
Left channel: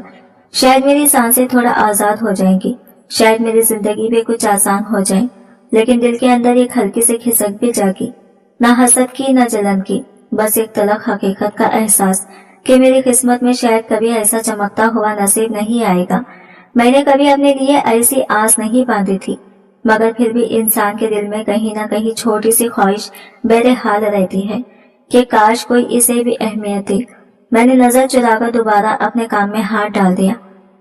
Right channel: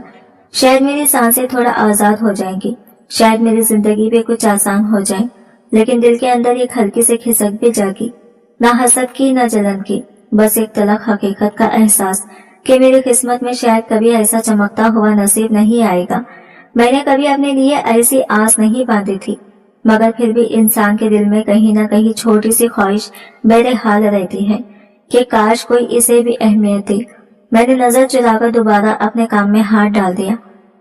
शायद मेरी सांसें थोड़ा आजाद हो जाएंगी, शायद मेरी जिंदगी भी कुछ आसान हो जाए। लेकिन दिल के अंदर एक हल्की सी खिसक भी जागी, ना हसद की, ना जलन की, बस एक तलख हकीकत का एहसास कि मेरी किस्मत में शायद कभी ऐसा चमकता हुआ नसीब नहीं आएगा। मैंने कभी अपने लिए ऐसी आस नहीं बांधी थी, मगर फिर भी इंसान के दिल में कहीं ना कहीं छोटी सी ख्वाहिश बहरहाल रहती है कि काश कोई इसे भी अहमियत दे। मैंने नजर चुराकर दोबारा अपने काम में हाथ डाल दिया।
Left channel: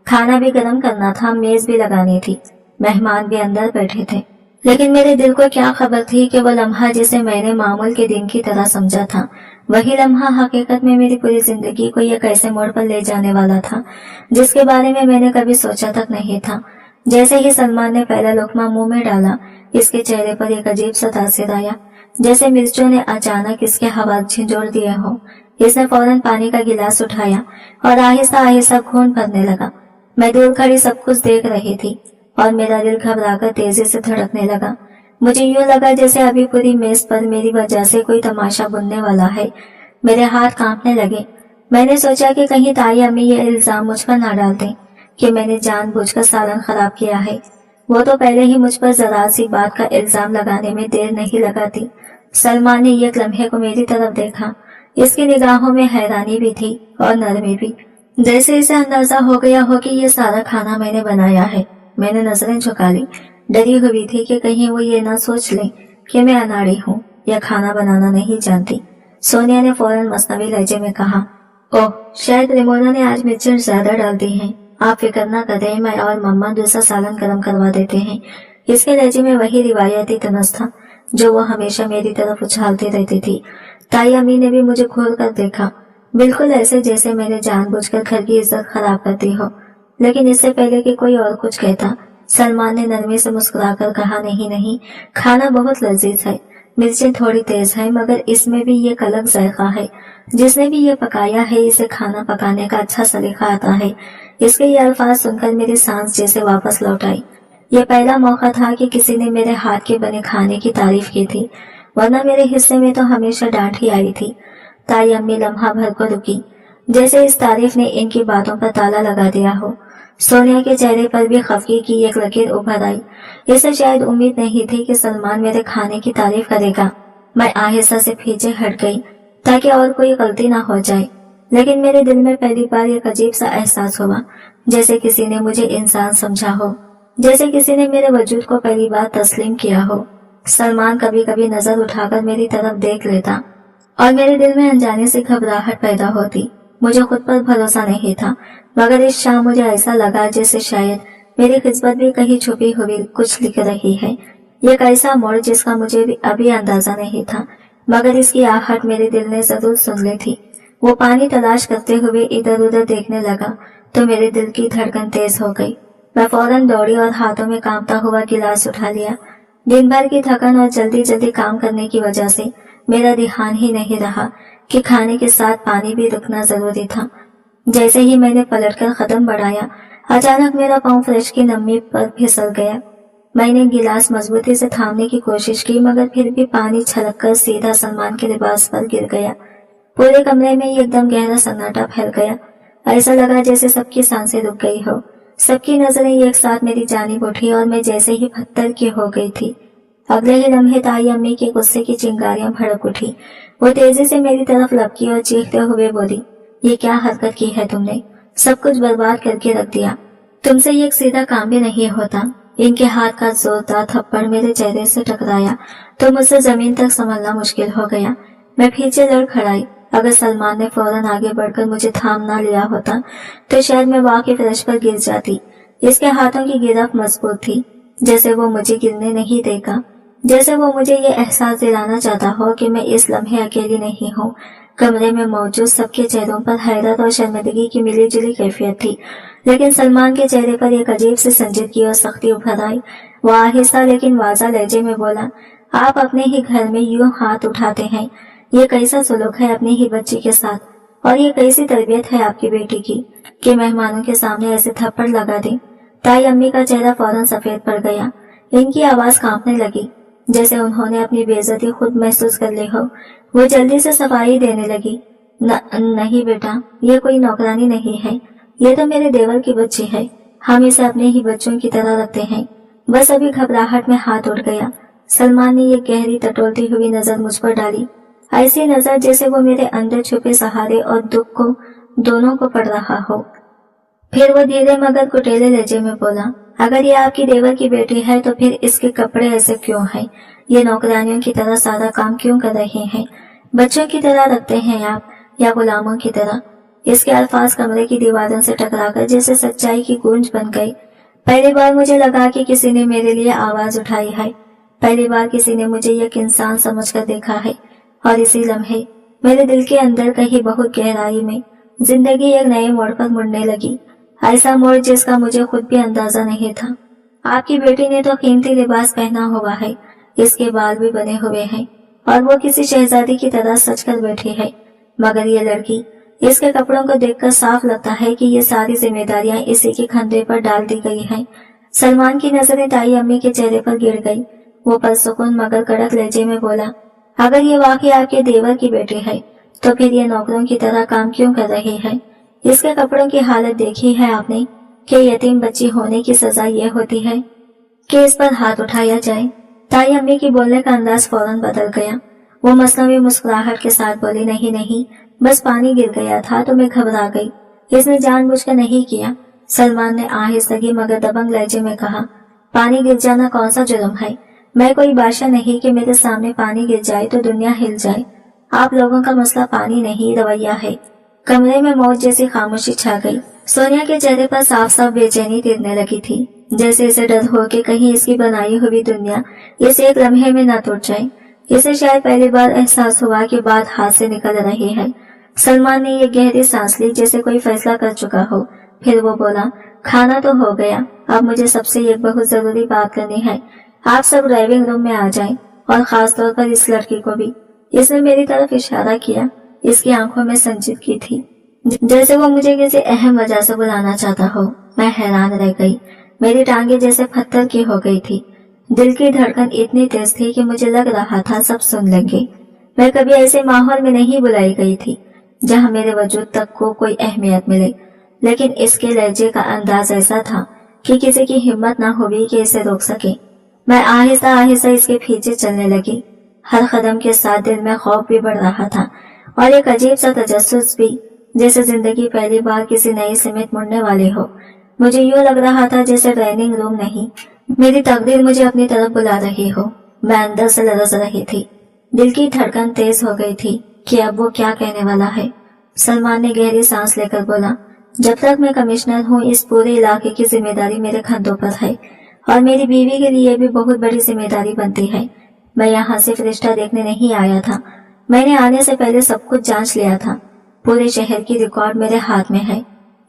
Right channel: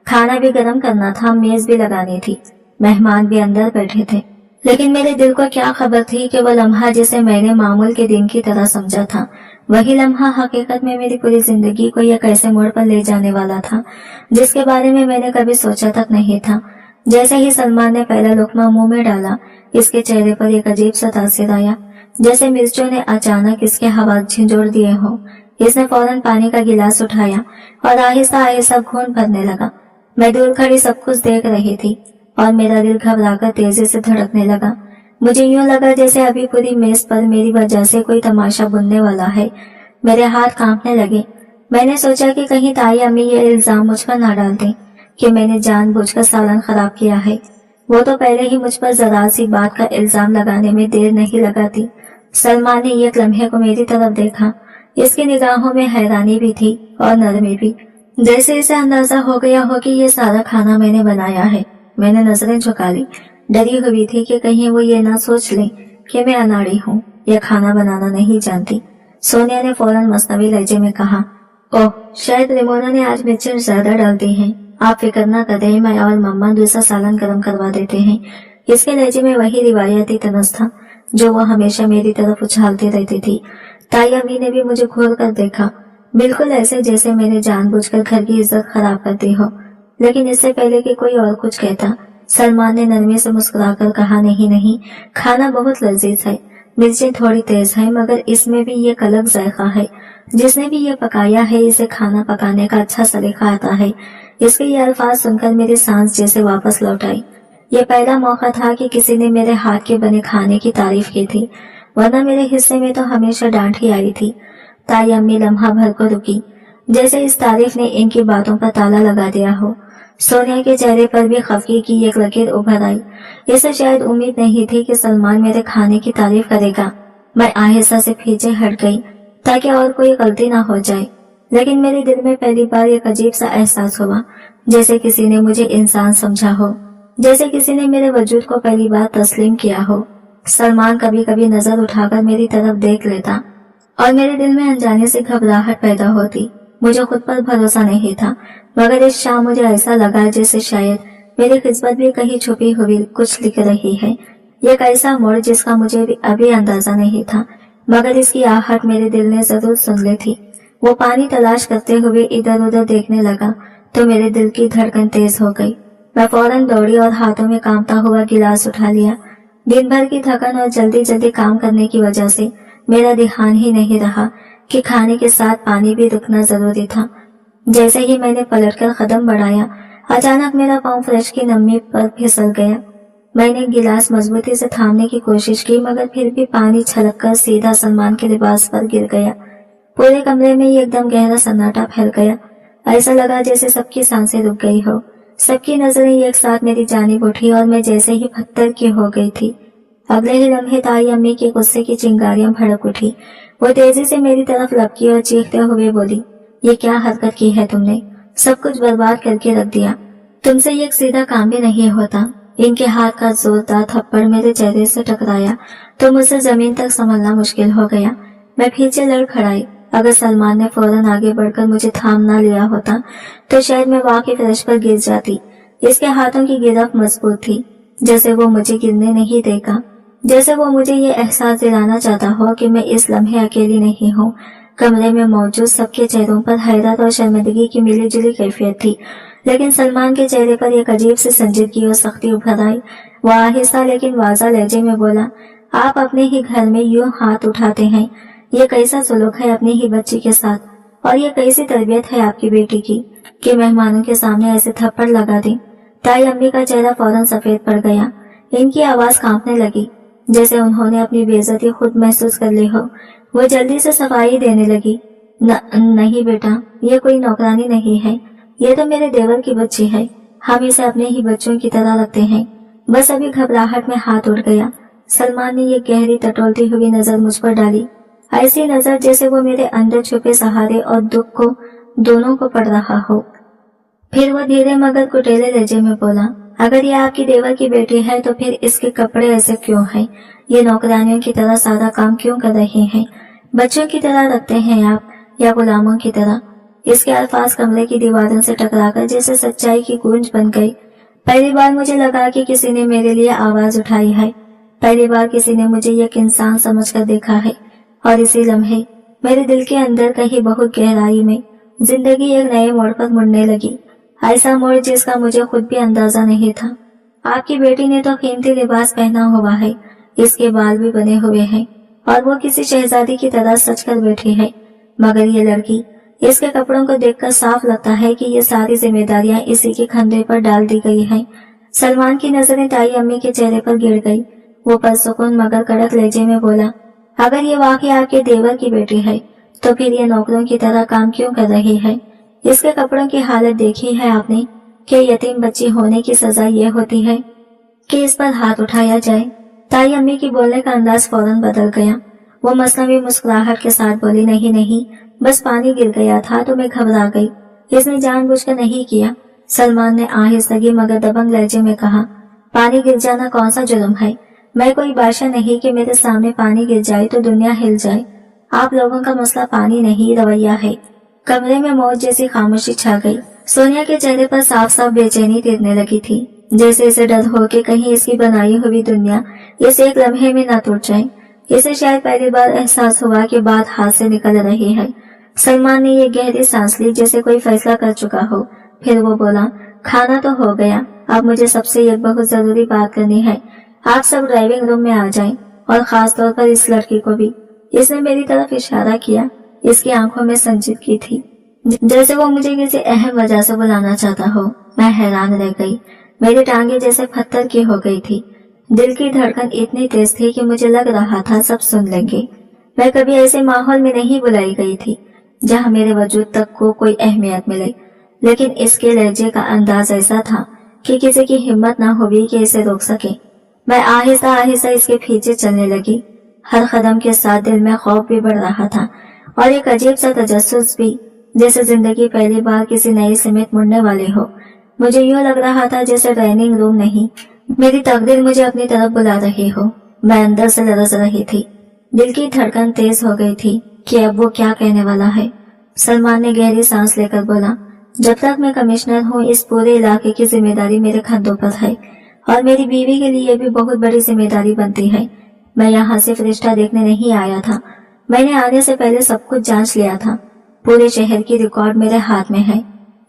खाना भी गर्म करना था, मेज भी लगानी थी, मेहमान भी अंदर बैठे थे। लेकिन मेरे दिल को क्या खबर थी कि वो लम्हा जिसे मैंने मामूल के दिन की तरह समझा था, वही लम्हा हकीकत में मेरी पूरी जिंदगी को एक ऐसे मोड़ पर ले जाने वाला था जिसके बारे में मैंने कभी सोचा तक नहीं था। जैसे ही सलमान ने पहला लुकमा मुंह में डाला, इसके चेहरे पर एक अजीब सा तासिर आया, जैसे मिर्चों ने अचानक इसके हवा झंझोड़ दिए हो। इसने फौरन पानी का गिलास उठाया और आहिस्ता आहिस्ता घूंट भरने लगा। मैं दूर खड़ी सब कुछ देख रही थी और मेरा दिल घबराकर तेजी से धड़कने लगा। मुझे यूं लगा जैसे अभी पूरी मेज पर मेरी वजह से कोई तमाशा बुनने वाला है। मेरे हाथ कांपने लगे। मैंने सोचा कि कहीं ताई अम्मी ये इल्जाम मुझ पर ना डाल दें कि मैंने जानबूझकर सालन खराब किया है। वो तो पहले ही मुझ पर जरा सी बात का इल्जाम लगाने में देर नहीं लगाती। सलमान ने एक लम्हे को मेरी तरफ देखा। इसकी निगाहों में हैरानी भी थी और नरमी भी, जैसे इसे अंदाजा हो गया हो कि ये सारा खाना मैंने बनाया है। मैंने नजरें झुका ली, डरी हुई थी कि कहीं वो ये ना सोच ले कि मैं अनाड़ी हूँ या खाना बनाना नहीं जानती। सोनिया ने फौरन मसनवी लहजे में कहा, ओह, शायद रेमोना ने आज मिर्चें ज्यादा डाल दी हैं। आप फिक्र ना करें, मैं और मम्मा दूसरा सालन गर्म करवा देते हैं। इसके लहजे में वही रिवायती तनस था जो वो हमेशा मेरी तरफ उछालती रहती थी। ताई अम्मी ने भी मुझे घूर कर देखा। बिल्कुल ऐसे जैसे मैंने जानबूझकर घर की इज्जत खराब कर दी हो। लेकिन इससे पहले कि कोई और कुछ कहता, सलमान ने नरमी से मुस्कुराकर कहा, नहीं नहीं, खाना बहुत लजीज है, मिर्चें थोड़ी तेज है, मगर इसमें भी ये अलग जायका है। जिसने भी ये पकाया है, इसे खाना पकाने का अच्छा सलीका आता है। इसके ये अल्फाज सुनकर मेरी सांस जैसे वापस लौट आई। ये पहला मौका था कि किसी ने मेरे हाथ के बने खाने की तारीफ की थी, वरना मेरे हिस्से में तो हमेशा डांट ही आई थी। ताई अम्मी लम्हा भर को रुकी, जैसे इस तारीफ ने इनकी बातों पर ताला लगा दिया हो। सोनिया के चेहरे पर भी खफगी की एक लकीर उभर आई। इसे शायद उम्मीद नहीं थी कि सलमान मेरे खाने की तारीफ करेगा। मैं आहिस्ता से पीछे हट गई ताकि और कोई गलती ना हो जाए, लेकिन मेरे दिल में पहली बार एक अजीब सा एहसास हुआ, जैसे किसी ने मुझे इंसान समझा हो, जैसे किसी ने मेरे वजूद को पहली बार तस्लीम किया हो। सलमान कभी कभी नजर उठाकर मेरी तरफ देख लेता और मेरे दिल में अनजाने से घबराहट पैदा होती। मुझे खुद पर भरोसा नहीं था, मगर इस शाम मुझे ऐसा लगा जैसे शायद मेरी किस्मत भी कहीं छुपी हुई कुछ लिख रही है। एक ऐसा मोड़ जिसका मुझे भी अभी अंदाजा नहीं था, मगर इसकी आहट मेरे दिल ने जरूर सुन ली थी। वो पानी तलाश करते हुए इधर उधर देखने लगा तो मेरे दिल की धड़कन तेज हो गई। मैं फौरन दौड़ी और हाथों में कांपता हुआ गिलास उठा लिया। दिन भर की थकन और जल्दी जल्दी काम करने की वजह से मेरा ध्यान ही नहीं रहा कि खाने के साथ पानी भी रुकना जरूरी था। जैसे ही मैंने पलटकर कदम बढ़ाया, अचानक मेरा पांव फ्रेश की नमी पर फिसल गया। मैंने गिलास मजबूती से थामने की कोशिश की, मगर फिर भी पानी छलककर सीधा सलमान के लिबास पर गिर गया। पूरे कमरे में एकदम गहरा सन्नाटा फैल गया। ऐसा लगा जैसे सबकी सांसें रुक गई हो। सबकी नजरें एक साथ मेरी जानिब उठी और मैं जैसे ही पत्थर की हो गई थी। अगले ही लम्हे ताई अम्मी के गुस्से की चिंगारियां भड़क उठी। वो तेजी से मेरी तरफ लपकी और चीखते हुए बोली, ये क्या हरकत की है तुमने? सब कुछ बर्बाद करके रख दिया। तुमसे ये एक सीधा काम भी नहीं होता। इनके हाथ का जोरदार थप्पड़ मेरे चेहरे से टकराया तो मुझसे जमीन तक संभलना मुश्किल हो गया। मैं पीछे लड़ खड़ाई। अगर सलमान ने फौरन आगे बढ़कर मुझे थाम ना लिया होता तो शायद मैं वाकई फर्श पर गिर जाती। इसके हाथों की गिरफ्त मजबूत थी, जैसे वो मुझे गिरने नहीं देगा, जैसे वो मुझे ये एहसास दिलाना चाहता हो कि मैं इस लम्हे अकेली नहीं हूँ। कमरे में मौजूद सबके चेहरों पर हैरत और शर्मिंदगी की मिली जुली कैफियत थी, लेकिन सलमान के चेहरे पर एक अजीब सी संजीदगी और सख्ती उभर आई। वो आहिस्ता लेकिन वाज़ा लहजे में बोला, आप अपने ही घर में यूं हाथ उठाते हैं? ये कैसा सलूक है अपनी ही बच्ची के साथ? और ये कैसी तरबियत है आपकी बेटी की कि मेहमानों के सामने ऐसे थप्पड़ लगा दें? ताई अम्मी का चेहरा फौरन सफेद पड़ गया। इनकी आवाज कांपने लगी, जैसे उन्होंने अपनी बेइज्जती खुद महसूस कर ली हो। वो जल्दी से सफाई देने लगी, नहीं बेटा, ये कोई नौकरानी नहीं है, ये तो मेरे देवर की बच्ची है। हम इसे अपने ही बच्चों की तरह रखते हैं। बस अभी घबराहट में हाथ उठ गया। सलमान ने ये गहरी टटोलती हुई नजर मुझ पर डाली, ऐसी नजर जैसे वो मेरे अंदर छुपे सहारे और दुख को दोनों को पड़ रहा हो। फिर वो धीरे मगर कुटेले लहजे में बोला, अगर ये आपकी देवर की बेटी है तो फिर इसके कपड़े ऐसे क्यों हैं? ये नौकरानियों की तरह सारा काम क्यों कर रहे हैं? बच्चों की तरह रखते हैं आप या गुलामों की तरह? इसके अल्फाज कमरे की दीवारों से टकराकर जैसे सच्चाई की गूंज बन गई। पहली बार मुझे लगा कि किसी ने मेरे लिए आवाज उठाई है। पहली बार किसी ने मुझे एक इंसान समझकर देखा है। और इसी लम्हे मेरे दिल के अंदर कहीं बहुत गहराई में जिंदगी एक नए मोड़ पर मुड़ने लगी। ऐसा मोड़ जिसका मुझे खुद भी अंदाजा नहीं था। आपकी बेटी ने तो कीमती लिबास पहना हुआ है, इसके बाल भी बने हुए हैं और वो किसी शहजादी की तरह सच कर बैठी है, मगर ये लड़की, इसके कपड़ों को देखकर साफ लगता है कि ये सारी जिम्मेदारियां इसी के कंधे पर डाल दी गई हैं। सलमान की नजरें ताई अम्मी के चेहरे पर गिर गई। वो परसुकून मगर कड़क लहजे में बोला, अगर ये वाकई आपके देवर की बेटी है तो फिर ये नौकरों की तरह काम क्यों कर रही है? इसके कपड़ों की हालत देखी है आपने कि यतीम बच्ची होने की सजा ये होती है कि इस पर हाथ उठाया जाए? ताई अम्मी की बोलने का अंदाज फौरन बदल गया। वो मसनवी मुस्कुराहट के साथ बोली, नहीं नहीं, बस पानी गिर गया था तो मैं घबरा गई, इसने जानबूझकर नहीं किया। सलमान ने आहिस्तगी मगर दबंग लहजे में कहा, पानी गिर जाना कौन सा जुर्म है? मैं कोई बादशाह नहीं कि मेरे सामने पानी गिर जाए तो दुनिया हिल जाए। आप लोगों का मसला पानी नहीं, रवैया है। कमरे में मौत जैसी खामोशी छा गई। सोनिया के चेहरे पर साफ साफ बेचैनी तिरने लगी थी, जैसे इसे डर हो कि कहीं इसकी बनाई हुई दुनिया इस एक लम्हे में न टूट जाए। इसे शायद पहली बार एहसास हुआ कि बात हाथ से निकल रही है। सलमान ने ये गहरी सांस ली जैसे कोई फैसला कर चुका हो। फिर वो बोला, खाना तो हो गया, अब मुझे सबसे एक बहुत जरूरी बात करनी है। आप सब ड्राइविंग रूम में आ जाएं, और खास तौर पर इस लड़की को भी। इसने मेरी तरफ इशारा किया। इसकी आंखों में संजीदगी थी, जैसे वो मुझे किसी अहम वजह से बुलाना चाहता हो। मैं हैरान रह गई। मेरी टांगे जैसे पत्थर की हो गई थी। दिल की धड़कन इतनी तेज थी कि मुझे लग रहा था सब सुन लेंगे। मैं कभी ऐसे माहौल में नहीं बुलाई गई थी जहां मेरे वजूद तक को कोई अहमियत मिले, लेकिन इसके लहजे का अंदाज ऐसा था कि किसी की हिम्मत ना हुई कि इसे रोक सके। मैं आहिस्ता आहिस्ता इसके पीछे चलने लगी। हर कदम के साथ दिल में खौफ भी बढ़ रहा था और एक अजीब सा तजस्सुस भी, जैसे जिंदगी पहली बार किसी नई सिमत मुड़ने वाली हो। मुझे यूं लग रहा था जैसे ट्रेनिंग रूम नहीं, मेरी तकदीर मुझे अपनी तरफ बुला रही हो। मैं अंदर से लरज रही थी। दिल की धड़कन तेज हो गई थी कि अब वो क्या कहने वाला है। सलमान ने गहरी सांस लेकर बोला, जब तक मैं कमिश्नर हूँ इस पूरे इलाके की जिम्मेदारी मेरे कंधों पर है, और मेरी बीवी के लिए भी बहुत बड़ी जिम्मेदारी बनती है। मैं यहाँ सिर्फ रिश्ता देखने नहीं आया था, मैंने आने से पहले सब कुछ जांच लिया था। पूरे शहर की रिकॉर्ड मेरे हाथ में है,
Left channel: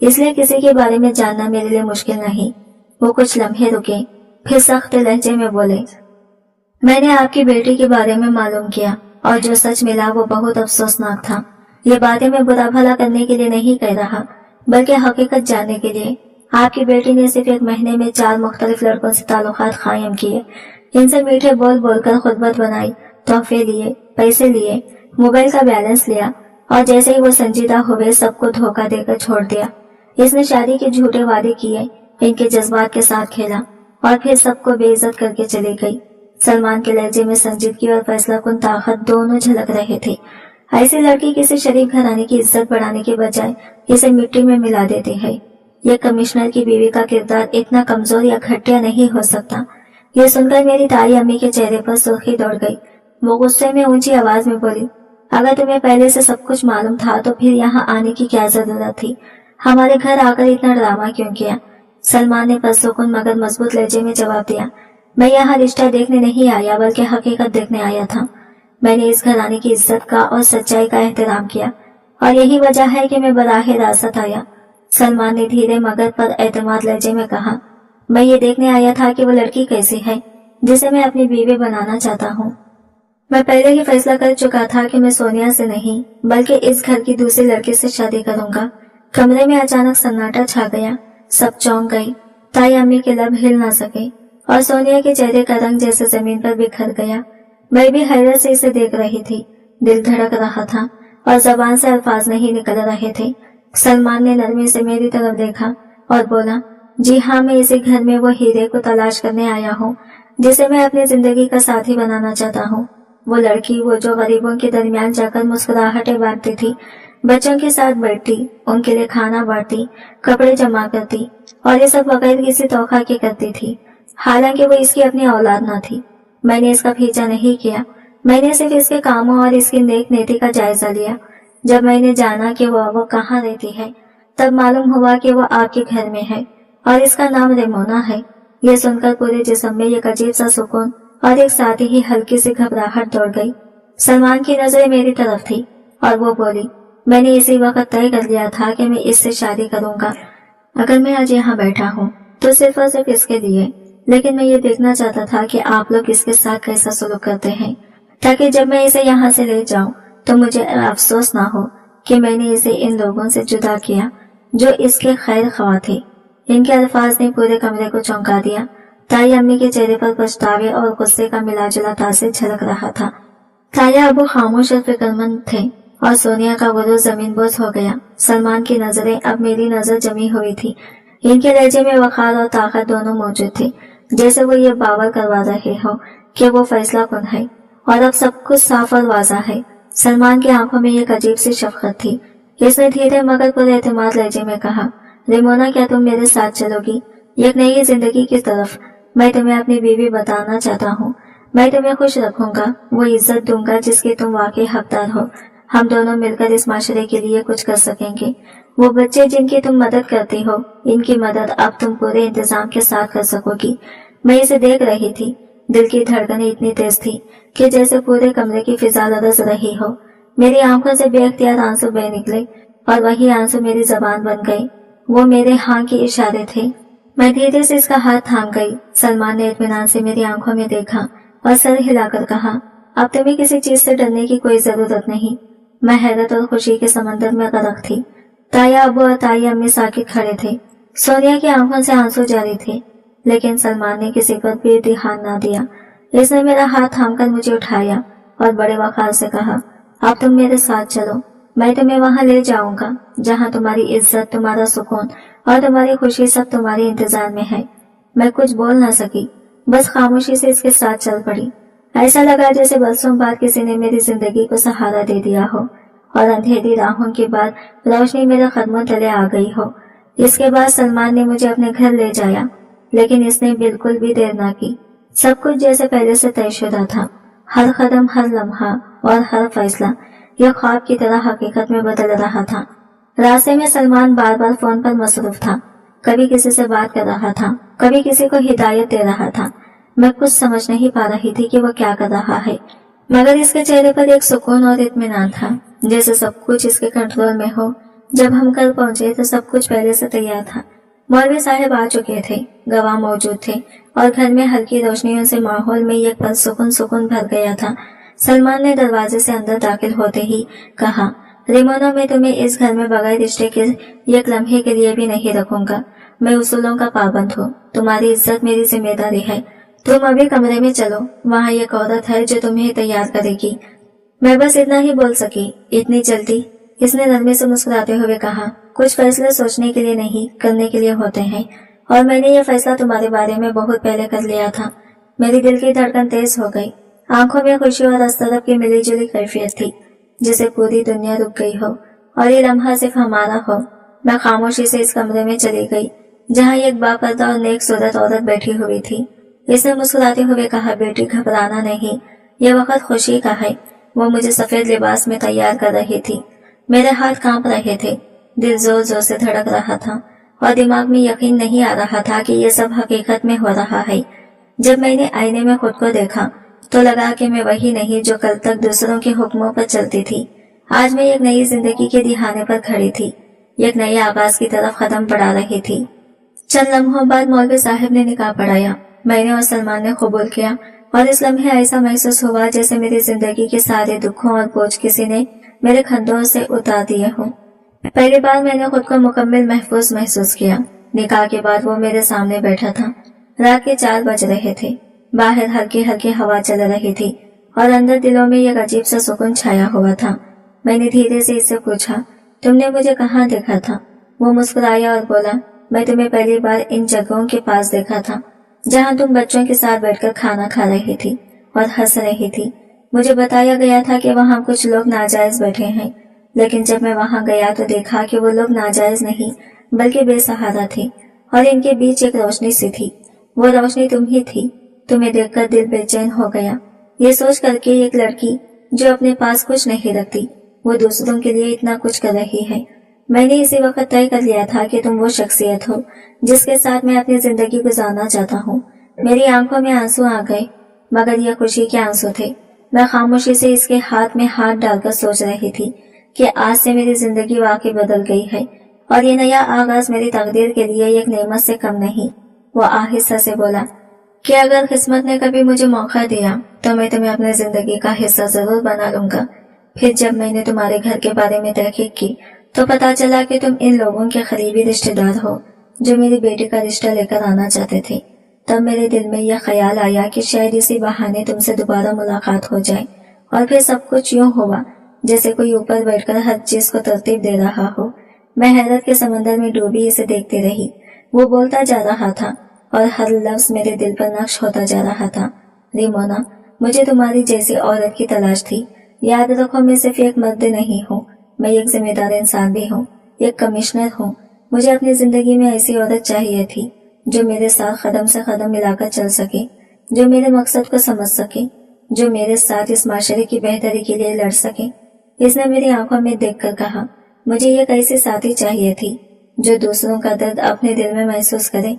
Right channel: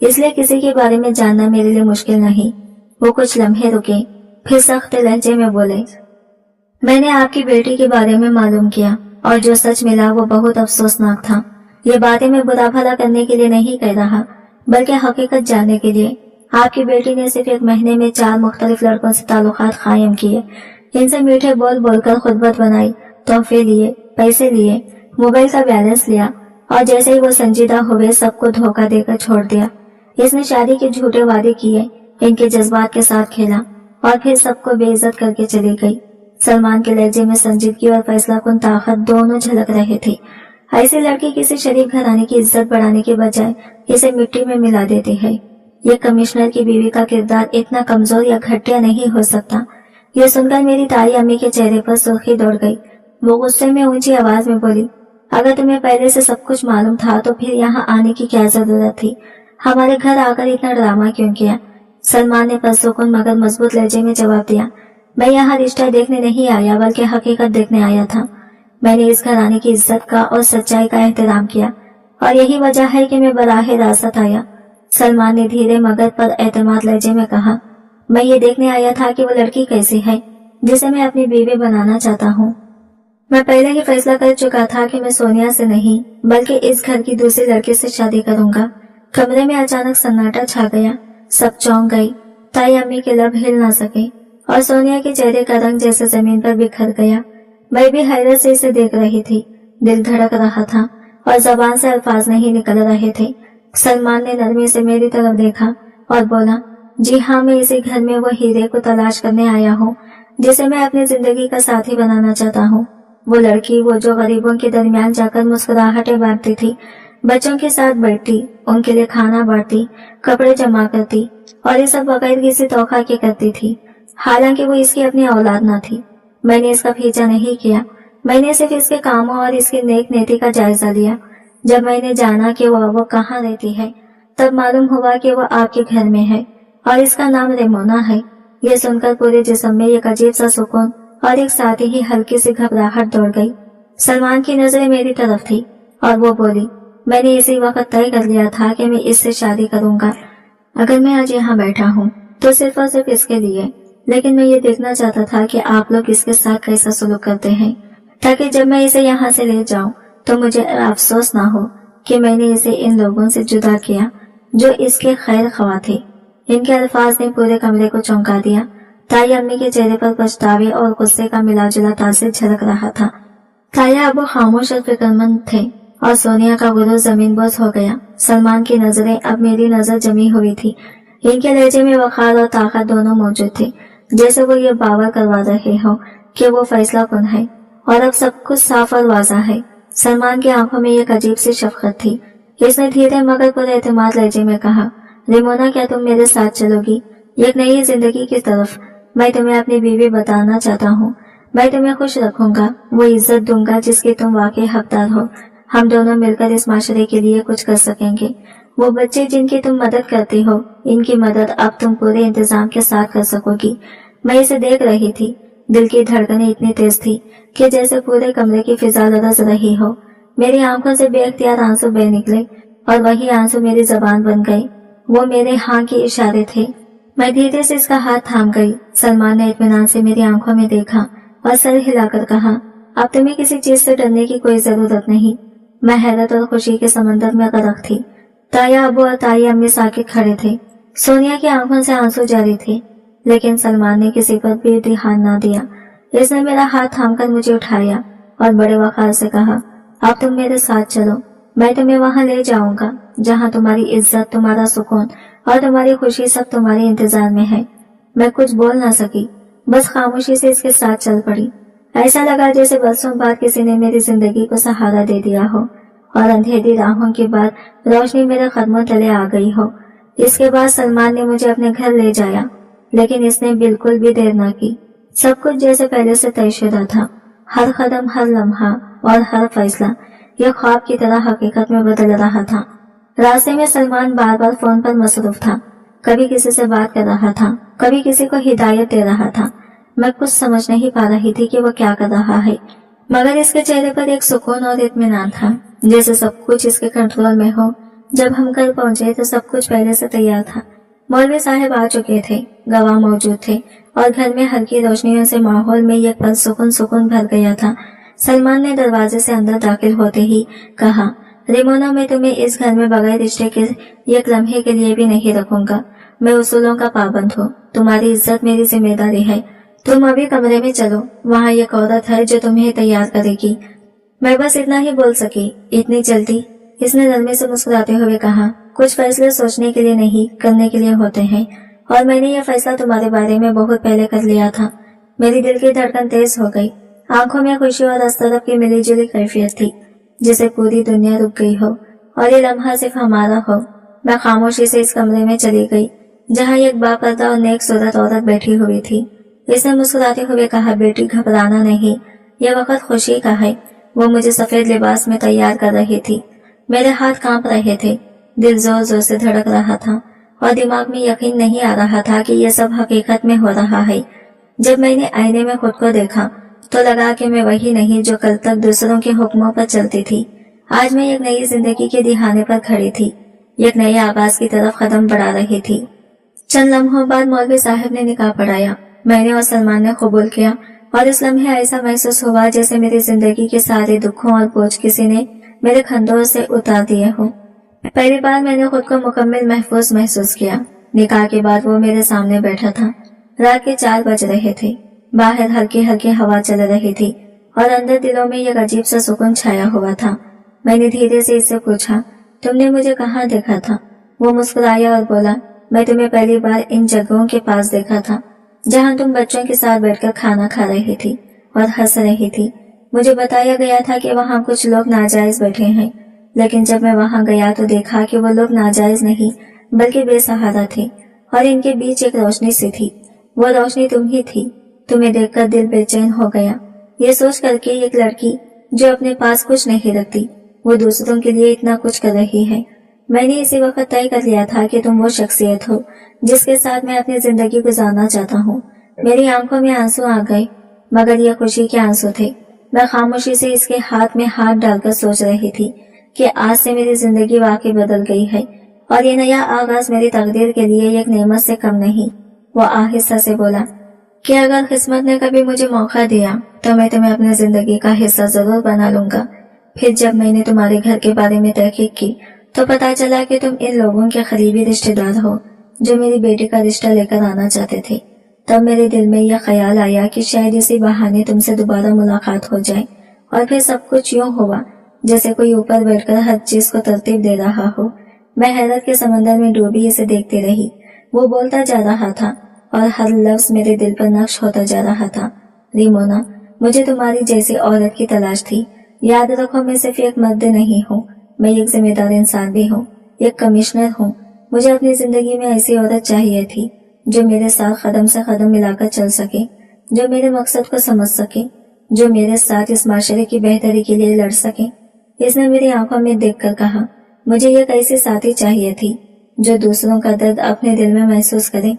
इसलिए किसी के बारे में जानना मेरे लिए मुश्किल नहीं। वो कुछ लम्हे रुके, फिर सख्त लहजे में बोले, मैंने आपकी बेटी के बारे में मालूम किया, और जो सच मिला वो बहुत अफसोसनाक था। ये बातें मैं बुरा भला करने के लिए नहीं कह रहा, बल्कि हकीकत जानने के लिए। आपकी बेटी ने सिर्फ 1 महीने में 4 मुख्तलिफ लड़कों से ताल्लुकात कायम किए, इनसे मीठे बोल बोलकर खुतबत बनाई, तोहफे लिए, पैसे लिए, मोबाइल का बैलेंस लिया, और जैसे ही वो संजीदा हुए सबको धोखा देकर छोड़ दिया। इसने शादी के झूठे वादे किए, इनके जज्बात के साथ खेला, और फिर सबको बेइज्जत करके चली गई। सलमान के लहजे में संजीदगी और फैसलाकुन ताकत दोनों झलक रहे थे। ऐसी लड़की किसी शरीफ घराने की इज्जत बढ़ाने के बजाय इसे मिट्टी में मिला देती है। ये कमिश्नर की बीवी का किरदार इतना कमजोर या घटिया नहीं हो सकता। यह सुनकर मेरी ताई अम्मी के चेहरे पर सुर्खी दौड़ गई। वो गुस्से में ऊंची आवाज में बोली, अगर तुम्हें पहले से सब कुछ मालूम था तो फिर यहाँ आने की क्या जरूरत थी? हमारे घर आकर इतना ड्रामा क्यों किया? सलमान ने पुरसुकून मगर मजबूत लहजे में जवाब दिया, मैं यहाँ रिश्ता देखने नहीं आया बल्कि हकीकत देखने आया था। मैंने इस घराने की इज्जत का और सच्चाई का एहतराम किया, और यही वजह है कि मैं बराह रास्त आया। सलमान ने धीरे मगर पर एतमाद लहजे में कहा, मैं ये देखने आया था कि वो लड़की कैसी है जिसे मैं अपनी बीवी बनाना चाहता हूँ। मैं पहले ही फैसला कर चुका था कि मैं सोनिया से नहीं बल्कि इस घर की दूसरी लड़की से शादी करूंगा। कमरे में अचानक सन्नाटा छा गया। सब चौंक गई। ताई अम्मी के लब हिल ना सके और सोनिया के चेहरे का रंग जैसे जमीन पर बिखर गया। मैं भी हैरत से इसे देख रही थी। दिल धड़क रहा था और जबान से अल्फाज नहीं निकल रहे थे। सलमान ने नरमी से मेरी तरफ देखा और बोला, जी हाँ, मैं इसी घर में वो हीरे को तलाश करने आया हूँ जिसे मैं अपनी जिंदगी का साथी बनाना चाहता हूँ। वो लड़की, वो जो गरीबों के दरमियान जाकर मुस्कुराहटें बांटती थी, बच्चों के साथ बैठती, उनके लिए खाना बांटती, कपड़े जमा करती, और ये सब बगैर किसी तोखा के करती थी। हालांकि वो इसकी अपनी औलाद न थी। मैंने इसका पीछा नहीं किया, मैंने सिर्फ इसके कामों और इसकी नेक नीति का जायजा लिया। जब मैंने जाना कि वो कहाँ रहती है, तब मालूम हुआ कि वो आपके घर में है और इसका नाम रेमोना है। यह सुनकर पूरे जिस्म में एक अजीब सा सुकून और एक साथ ही हल्की सी घबराहट दौड़ गई। सलमान की नजरें मेरी तरफ थी और वो बोली, मैंने इसी वक्त तय कर लिया था कि मैं इससे शादी करूंगा। अगर मैं आज यहाँ बैठा हूँ तो सिर्फ और सिर्फ इसके लिए, लेकिन मैं ये देखना चाहता था कि आप लोग इसके साथ कैसा सलूक करते हैं, ताकि जब मैं इसे यहाँ से ले जाऊं तो मुझे अफसोस ना हो कि मैंने इसे इन लोगों से जुदा किया जो इसके खैर ख्वाह थे। इनके अल्फाज ने पूरे कमरे को चौंका दिया। ताई अम्मी के चेहरे पर पछतावे और गुस्से का मिला जुला तासिर झलक रहा था। ताया अबू खामोश और फिक्रमंद थे और सोनिया का गुरूर जमीन बोझ हो गया। सलमान की नजरें अब मेरी नजर जमी हुई थी। इनके लहजे में वखार और ताकत दोनों मौजूद थे, जैसे वो ये बावर करवा रहे हो कि वो फैसला कुन है और अब सब कुछ साफ और वाज़ा है। सलमान की आंखों में एक अजीब सी शफकत थी। इसने धीरे मगर पूरे एतमाद लहजे में कहा, रेमोना, क्या तुम मेरे साथ चलोगी एक नई जिंदगी की तरफ? मैं तुम्हें अपनी बीवी बताना चाहता हूँ। मैं तुम्हें खुश रखूंगा, वो इज्जत दूंगा जिसके तुम वाकई हकदार हो। हम दोनों मिलकर इस माशरे के लिए कुछ कर सकेंगे। वो बच्चे जिनकी तुम मदद करती हो, इनकी मदद अब तुम पूरे इंतजाम के साथ कर सकोगी। मैं इसे देख रही थी। दिल की धड़कनें इतनी तेज थी कि जैसे पूरे कमरे की फिजा लरज रही हो। मेरी आंखों से बेख्तियार आंसू बह निकले और वही आंसू मेरी जबान बन गए। वो मेरे हाँ के इशारे थे। मैं धीरे से इसका हाथ थाम गई। सलमान ने इत्मीनान से मेरी आंखों में देखा और सर हिलाकर कहा, अब तुम्हें किसी चीज से डरने की कोई जरूरत नहीं। मैं हैरत और खुशी के समंदर में गर्क थी। ताया अबू और ताई अम्मी साकित खड़े थे। सोनिया की आंखों से आंसू जारी थे, लेकिन सलमान ने किसी पर भी ध्यान न दिया। इसने मेरा हाथ थामकर मुझे उठाया और बड़े वक़ार से कहा, अब तुम मेरे साथ चलो, मैं तुम्हें वहां ले जाऊंगा जहां तुम्हारी इज्जत, तुम्हारा सुकून और तुम्हारी खुशी सब तुम्हारे इंतजार में है। मैं कुछ बोल ना सकी, बस खामोशी से इसके साथ चल पड़ी। ऐसा लगा जैसे बरसों बाद किसी ने मेरी जिंदगी को सहारा दे दिया हो और अंधेरी राहों के बाद रोशनी मेरे कदमों तले आ गई हो। इसके बाद सलमान ने मुझे अपने घर ले जाया, लेकिन इसने बिल्कुल भी देर ना की। सब कुछ जैसे पहले से तयशुदा था। हर कदम, हर लम्हा और हर फैसला यह ख्वाब की तरह हकीकत में बदल रहा था। रास्ते में सलमान बार बार फोन पर मसरूफ था। कभी किसी से बात कर रहा था, कभी किसी को हिदायत दे रहा था। मैं कुछ समझ नहीं पा रही थी कि वह क्या कर रहा है, मगर इसके चेहरे पर एक सुकून और इत्मीनान था, जैसे सब कुछ इसके कंट्रोल में हो। जब हम घर पहुंचे तो सब कुछ पहले से तैयार था। मौलवी साहब आ चुके थे, गवाह मौजूद थे और घर में हल्की रोशनियों से माहौल में एक पल सुकून भर गया था। सलमान ने दरवाजे से अंदर दाखिल होते ही कहा, रेमोना, मैं तुम्हें इस घर में बगैर रिश्ते के एक लम्हे के लिए भी नहीं रखूंगा। मैं उसूलों का पाबंद हूँ। तुम्हारी इज्जत मेरी जिम्मेदारी है। तुम अभी कमरे में चलो, वहाँ एक औरत है जो तुम्हें तैयार करेगी। मैं बस इतना ही बोल सकी। इतनी जल्दी? इसने नरमी से मुस्कुराते हुए कहा, कुछ फैसले सोचने के लिए नहीं, करने के लिए होते हैं, और मैंने यह फैसला तुम्हारे बारे में बहुत पहले कर लिया था। मेरी दिल की धड़कन तेज हो गई। आंखों में खुशी और अस्तरफ की मिली जुली कैफियत थी, जिसे पूरी दुनिया रुक गई हो और ये लम्हा सिर्फ हमारा हो। मैं खामोशी से इस कमरे में चली गई जहाँ एक बापर्दा और नेक सूरत औरत बैठी हुई थी। इसने मुस्कुराते हुए कहा, बेटी घबराना नहीं, यह वक्त खुशी का है। वो मुझे सफेद लिबास में तैयार कर रही थी। मेरे हाथ कांप रहे थे, दिल जोर जोर से धड़क रहा था और दिमाग में यकीन नहीं आ रहा था कि यह सब हकीकत में हो रहा है। जब मैंने आईने में खुद को देखा तो लगा कि मैं वही नहीं जो कल तक दूसरों के हुक्मों पर चलती थी। आज मैं एक नई जिंदगी के दिहाने पर खड़ी थी, एक नए आगाज की तरफ कदम बढ़ा रही थी। चंद लम्हों बाद मौलवी साहब ने निकाह पढ़ाया। मैंने और सलमान ने कबूल किया और इस लम्हे ऐसा महसूस हुआ जैसे मेरी जिंदगी के सारे दुखों और बोझ किसी ने मेरे कंधों से उतार दिए हो। पहली बार मैंने खुद को मुकम्मल महफूज महसूस किया। निकाह के बाद वो मेरे सामने बैठा था। रात के 4 बज रहे थे। बाहर हल्की हल्की हवा चल रही थी और अंदर दिलों में एक अजीब सा सुकून छाया हुआ था। मैंने धीरे से इससे पूछा, तुमने मुझे कहाँ देखा था? वो मुस्कुराया और बोला, मैं तुम्हें पहली बार इन जगहों के पास देखा था जहाँ तुम बच्चों के साथ बैठकर खाना खा रही थी और हंस रही थी। मुझे बताया गया था कि वहाँ कुछ लोग नाजायज बैठे हैं, लेकिन जब मैं वहाँ गया तो देखा कि वो लोग नाजायज नहीं बल्कि बेसहारा थे और इनके बीच एक रोशनी सी थी। वो रोशनी तुम ही थी। तुम्हें देखकर दिल बेचैन हो गया। ये सोच करके एक लड़की जो अपने पास कुछ नहीं रखती, वो दूसरों के लिए इतना कुछ कर रही है। मैंने इसी वक्त तय कर लिया था कि तुम वो शख्सियत हो जिसके साथ मैं अपनी जिंदगी गुजारना चाहता हूँ। मेरी आंखों में आंसू आ गए, मगर यह खुशी के आंसू थे। मैं खामोशी से इसके हाथ में हाथ डालकर सोच रही थी कि आज से मेरी जिंदगी वाकई बदल गई है और ये नया आगाज मेरी तकदीर के लिए एक नेमत से कम नहीं। वो आहिस्ता से बोला कि अगर किस्मत ने कभी मुझे मौका दिया तो मैं तुम्हें अपनी जिंदगी का हिस्सा जरूर बना लूंगा। फिर जब मैंने तुम्हारे घर के बारे में तहकीक की तो पता चला कि तुम इन लोगों के करीबी रिश्तेदार हो जो मेरी बेटी का रिश्ता लेकर आना चाहते थे। तब मेरे दिल में यह ख्याल आया कि शायद इसी बहाने तुमसे दोबारा मुलाकात हो जाए और फिर सब कुछ यूं हुआ जैसे कोई ऊपर बैठकर हर चीज को तरतीब दे रहा हो। मैं हैरत के समंदर में डूबी इसे देखती रही। वो बोलता जा रहा था और हर लफ्ज मेरे दिल पर नक्श होता जा रहा था। रिमोना, मुझे तुम्हारी जैसी औरत की तलाश थी। याद रखो, मैं सिर्फ एक मर्द नहीं हूँ, मैं एक जिम्मेदार इंसान भी हूँ, एक कमिश्नर हूँ। मुझे अपनी जिंदगी में ऐसी औरत चाहिए थी जो मेरे साथ कदम से कदम मिलाकर चल सके, जो मेरे मकसद को समझ सके, जो मेरे साथ इस माशरे की बेहतरी के लिए लड़ सके। इसने मेरी आंखों में देखकर कहा, मुझे एक ऐसी साथी चाहिए थी जो दूसरों का दर्द अपने दिल में महसूस करे,